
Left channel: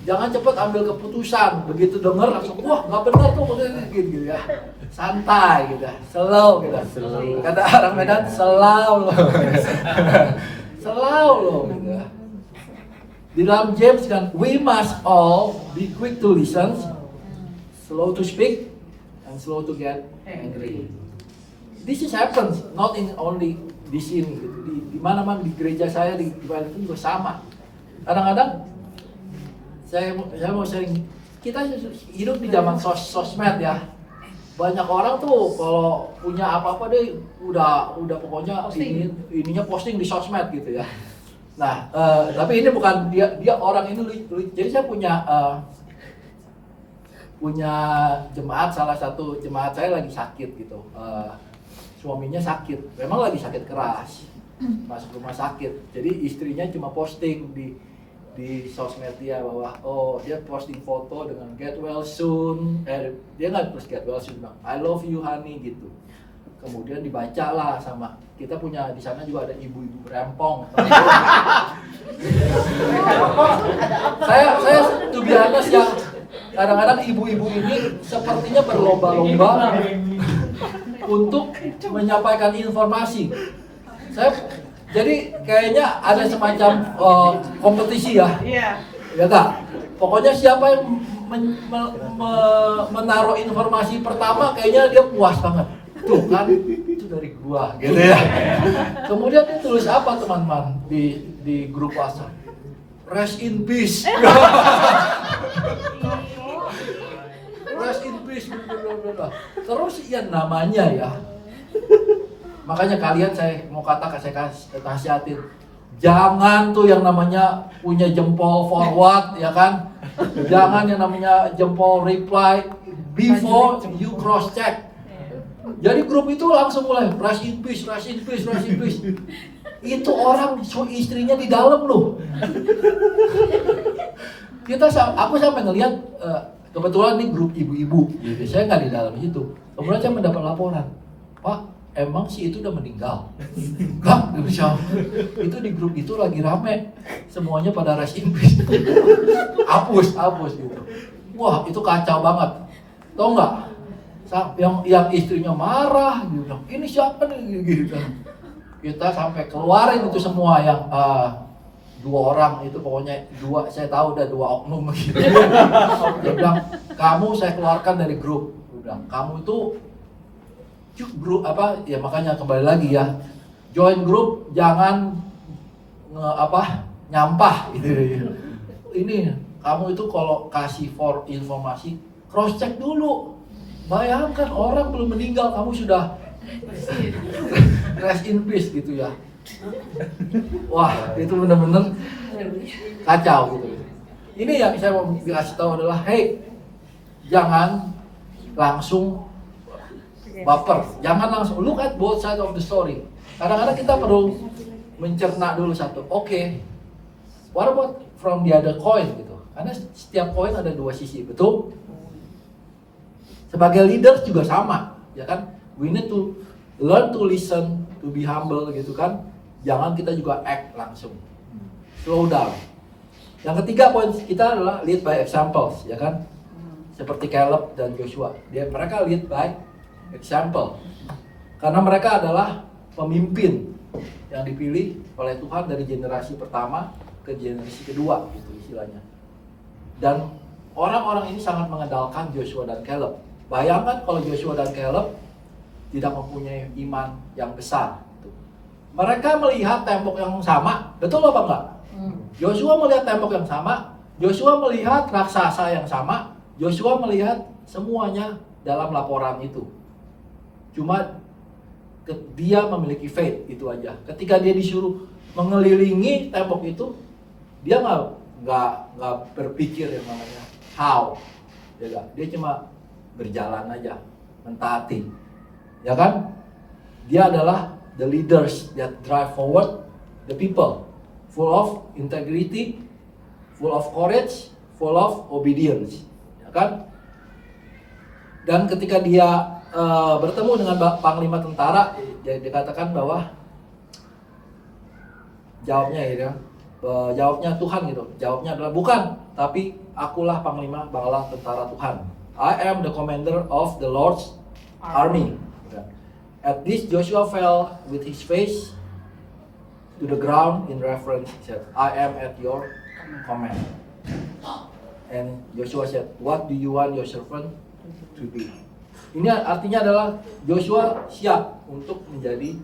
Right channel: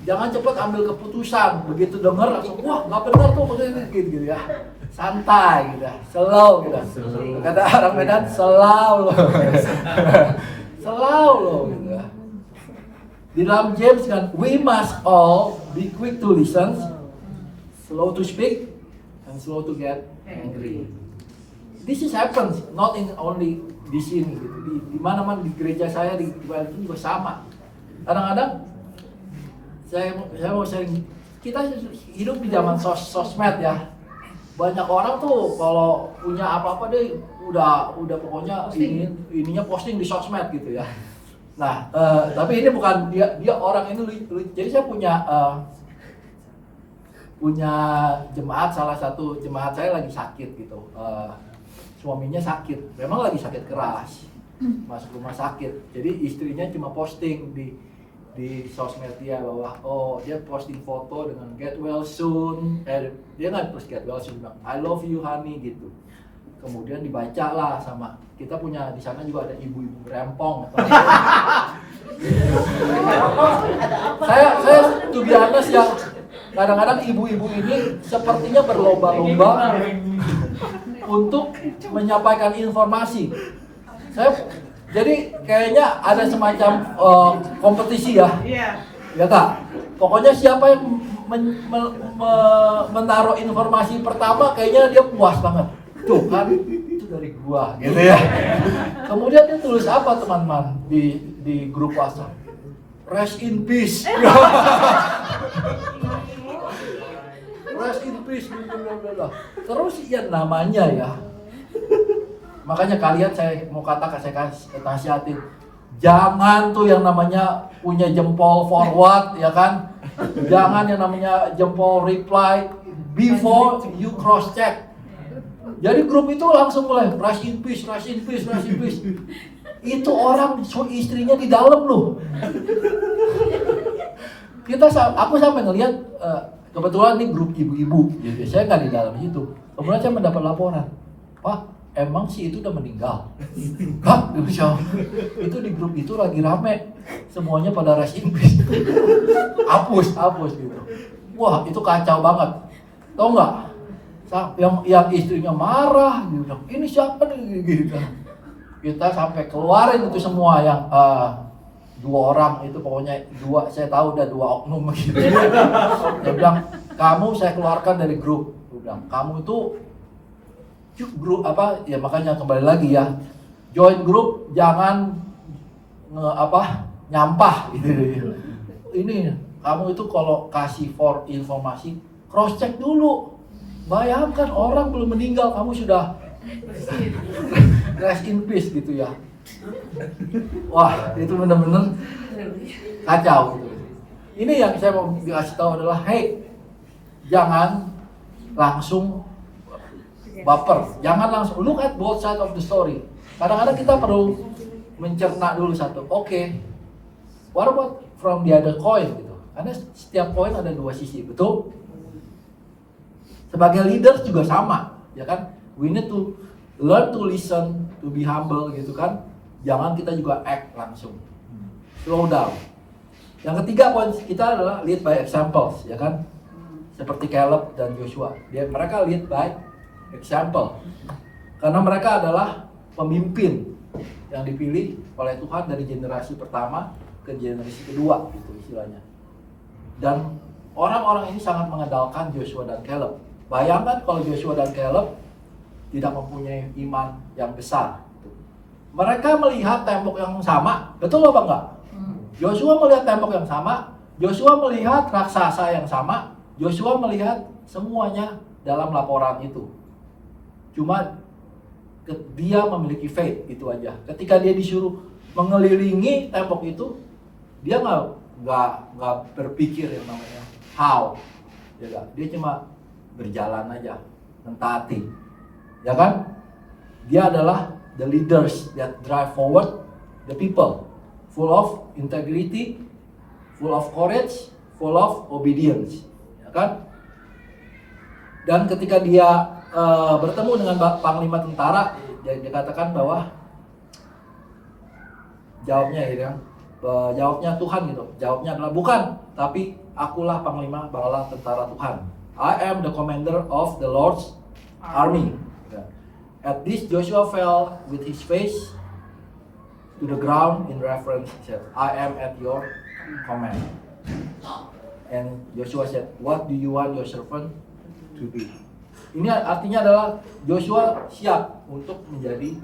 Jangan cepat ambil keputusan. Begitu dengar langsung, wah nggak benar tuh gitu ya. Santai gitu, slow gitu. Kata orang Medan, slow loh. Slow loh gitu ya. Di dalam James kan, we must all be quick to listen, slow to speak, and slow to get angry. This is happens not in only di sini gitu. Di mana-mana di gereja saya di Bali itu juga sama. Kadang-kadang saya mau sharing, kita hidup di zaman sosmed ya. Banyak orang tuh kalau punya apa-apa deh udah pokoknya ininya posting di sosmed gitu ya. Nah, tapi ini bukan dia orang ini jadi saya punya jemaat, salah satu jemaat saya lagi sakit gitu. Suaminya sakit, memang lagi sakit keras, masuk rumah sakit. Jadi istrinya cuma posting di sosmed dia bahwa dia posting foto dengan get well soon, dia nggak terus get well soon, bilang I love you honey gitu. Kemudian dibaca lah sama kita punya di sana juga ada ibu-ibu rempong. saya to be honest ya, kadang-kadang ibu-ibu ini sepertinya berlomba-lomba untuk menyampaikan informasi. Jadi kayaknya ada semacam kompetisi ya. Ya tak? Pokoknya siapa yang menaruh informasi pertama kayaknya dia puas banget. Tuh kan, itu dari gua gitu ya. Kemudian dia tulis apa teman-teman di grup WhatsApp? Rest in peace. Rest in peace. Terus ya namanya ya. Makanya kalian saya mau saya kasihatin. Jangan tuh yang namanya punya jempol forward ya kan. Jangan yang namanya jempol reply before you cross check. Jadi grup itu langsung mulai rest in peace. Itu orang istrinya di dalam loh. Aku sampai ngelihat kebetulan ini grup ibu-ibu. Gitu. Saya nggak di dalam situ. Kemudian saya mendapat laporan, Pak, emang si itu udah meninggal? Kak, itu di grup itu lagi rame, semuanya pada rest in peace. hapus gitu. Wah, itu kacau banget. Tahu nggak? Yang istrinya marah, gitu. Ini siapa nih? Gitu. Kita sampai keluarin itu semua yang 2 orang itu pokoknya 2, saya tahu udah 2 oknum gitu. Dia bilang, kamu saya keluarkan dari grup. Dia bilang, kamu itu grup apa? Ya makanya kembali lagi ya, join grup jangan nyampah gitu. Ini kamu itu kalau kasih informasi cross check dulu. Bayangkan orang belum meninggal kamu sudah rest in peace gitu ya. Wah, itu benar-benar kacau gitu. Ini yang saya mau dikasih tahu adalah, hey, jangan langsung baper, jangan langsung look at both side of the story. Kadang-kadang kita perlu mencerna dulu satu. Oke, what about from the other coin gitu? Karena setiap koin ada 2 sisi, betul? Sebagai leaders juga sama, ya kan? We need to learn to listen, to be humble gitu kan. Jangan kita juga act langsung. Slow down. Yang ketiga poin kita adalah lead by examples, ya kan? Seperti Caleb dan Joshua. Mereka lead by example. Karena mereka adalah pemimpin yang dipilih oleh Tuhan dari generasi pertama ke generasi kedua, gitu istilahnya. Dan orang-orang ini sangat mengandalkan Joshua dan Caleb. Bayangkan kalau Joshua dan Caleb tidak mempunyai iman yang besar. Mereka melihat tembok yang sama, betul apa enggak? Joshua melihat tembok yang sama, Joshua melihat raksasa yang sama, Joshua melihat semuanya dalam laporan itu. Cuma dia memiliki faith, itu aja. Ketika dia disuruh mengelilingi tembok itu, dia nggak berpikir yang namanya how, dia cuma berjalan aja, mentaati, ya kan? Dia adalah the leaders that drive forward the people, full of integrity, full of courage, full of obedience, ya kan? Dan ketika dia bertemu dengan panglima tentara, dia katakan bahwa jawabnya Tuhan gitu, jawabnya adalah bukan, tapi akulah panglima bala tentara Tuhan. I am the commander of the Lord's army. At this, Joshua fell with his face to the ground in reverence. He said, I am at your command. And Joshua said, what do you want your servant to do? Ini artinya adalah Joshua siap untuk menjadi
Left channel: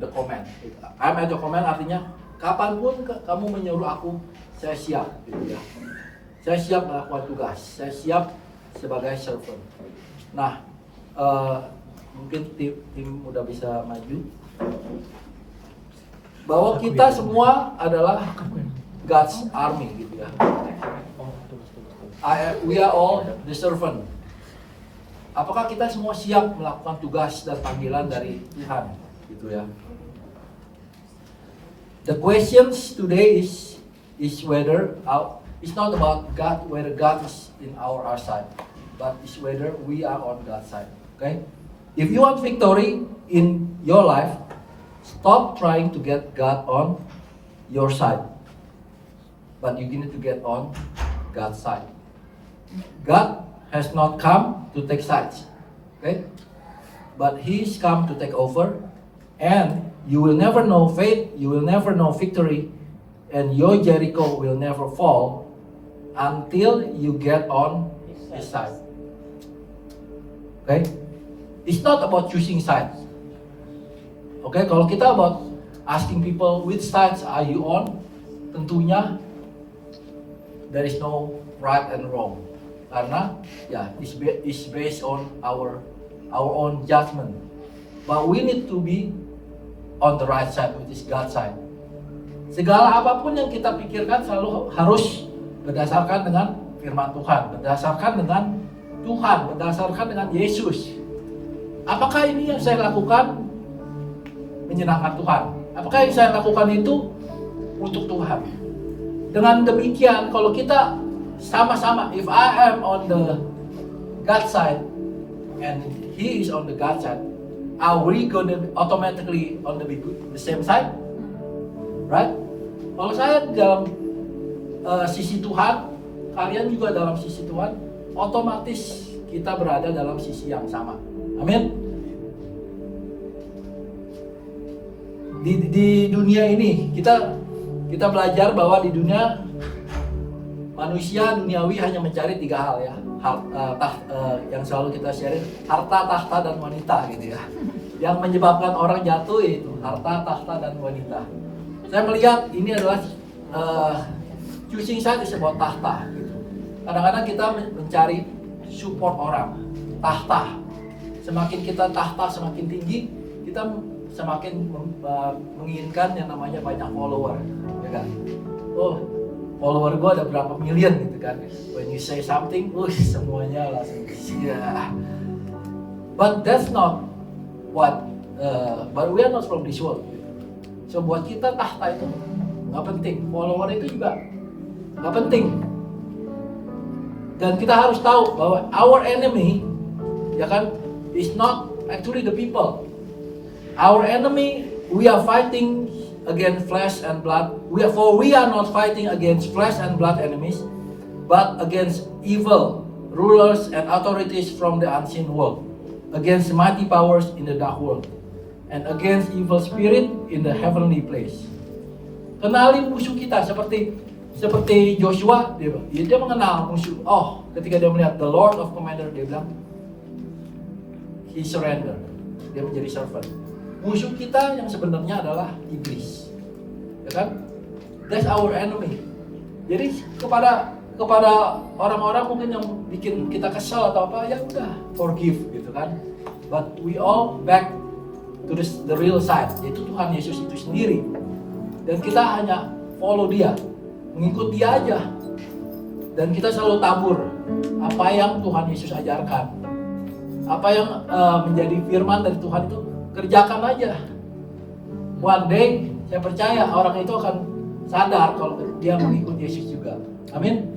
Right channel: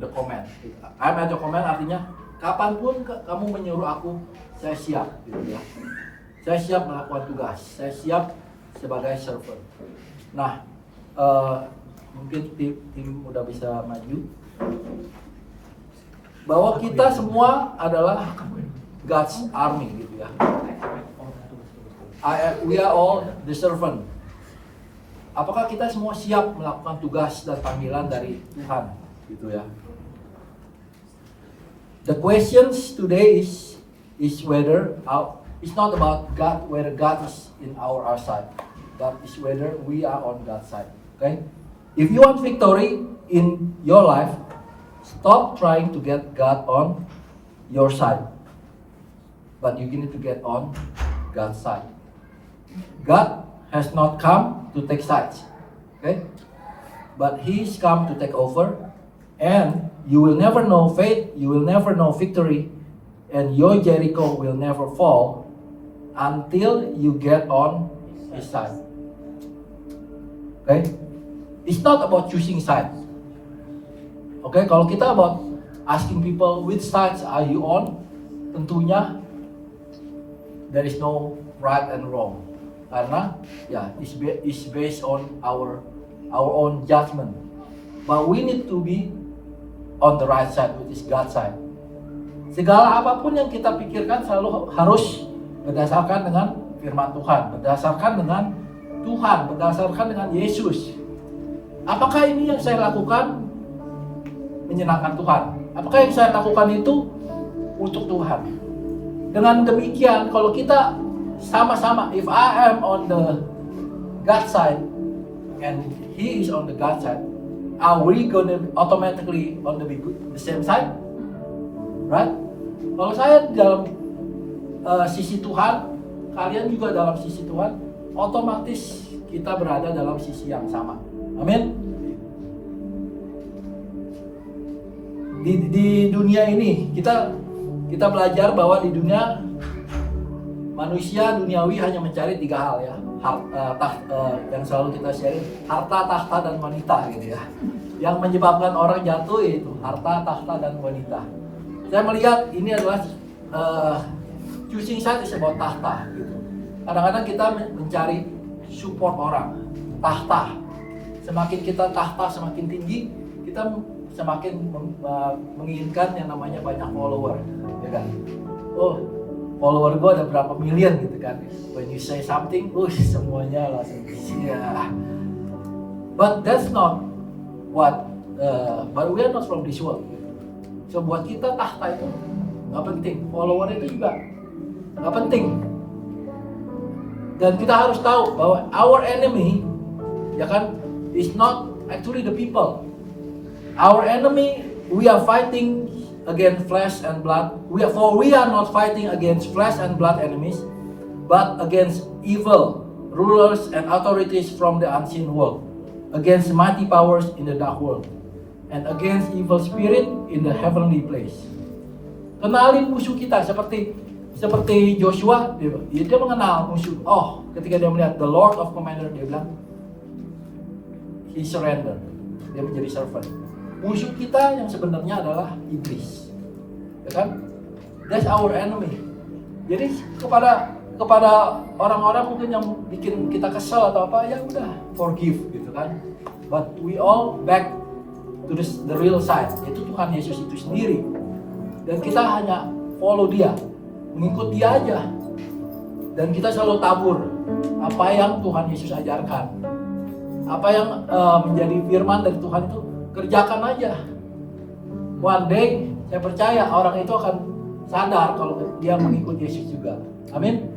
the command. I am at your command artinya kapanpun kamu menyuruh aku, saya siap, gitu ya. Saya siap melakukan tugas, saya siap sebagai servant. Nah, mungkin tim udah bisa maju. Bahwa kita semua adalah God's army, gitu ya. We are all the servant. Apakah kita semua siap melakukan tugas dan panggilan dari Tuhan, gitu ya? The questions today is whether it's not about God, whether God is in our side, but it's whether we are on God's side. Okay? If you want victory in your life, stop trying to get God on your side, but you need to get on God's side. God has not come to take sides, okay? But He's come to take over, and you will never know faith, you will never know victory, and your Jericho will never fall until you get on His side. Okay? It's not about choosing sides. Okay, kalau kita about asking people which sides are you on, tentunya there is no right and wrong. Karena ya it's based on our own judgment. But we need to be on the right side, which is God's side. Segala apapun yang kita pikirkan selalu harus berdasarkan dengan firman Tuhan, berdasarkan dengan Tuhan, berdasarkan dengan Yesus. Apakah ini yang saya lakukan menyenangkan Tuhan? Apakah yang saya lakukan itu untuk Tuhan? Dengan demikian, kalau kita sama-sama, if I am on the God side and He is on the God side, are we gonna automatically on the same side? Right? Kalau saya dalam sisi Tuhan, kalian juga dalam sisi Tuhan, otomatis kita berada dalam sisi yang sama. Amin. Di dunia ini kita belajar bahwa di dunia manusia duniawi hanya mencari 3 hal ya. Yang selalu kita share, harta, tahta, dan wanita, gitu ya. Yang menyebabkan orang jatuh itu harta, tahta, dan wanita. Saya melihat ini adalah choosing side is about tahta, gitu. Kadang-kadang kita mencari support orang, tahta. Semakin kita tahta semakin tinggi, kita semakin menginginkan yang namanya banyak follower, ya kan? Oh, follower gue ada berapa million gitu kan? When you say something, semuanya langsung ya. But that's not what. But we are not from this world. So buat kita tahta itu nggak penting, follower itu juga nggak penting. Dan kita harus tahu bahwa our enemy, ya kan, is not actually the people. Our enemy, we are fighting against flesh and blood. We are not fighting against flesh and blood enemies, but against evil rulers and authorities from the unseen world, against mighty powers in the dark world, and against evil spirit in the heavenly place. Kenalin musuh kita seperti Joshua, dia mengenal musuh. Oh, ketika dia melihat the Lord of Commander, dia bilang he surrender. Dia menjadi servant. Musuh kita yang sebenarnya adalah iblis, ya kan? That's our enemy. Jadi kepada orang-orang mungkin yang bikin kita kesal atau apa, ya udah forgive gitu kan. But we all back to the real side, yaitu Tuhan Yesus itu sendiri. Dan kita hanya follow Dia, mengikut Dia aja. Dan kita selalu tabur apa yang Tuhan Yesus ajarkan, apa yang menjadi firman dari Tuhan itu kerjakan aja. One day saya percaya orang itu akan sadar kalau dia mengikut Yesus juga. Amin.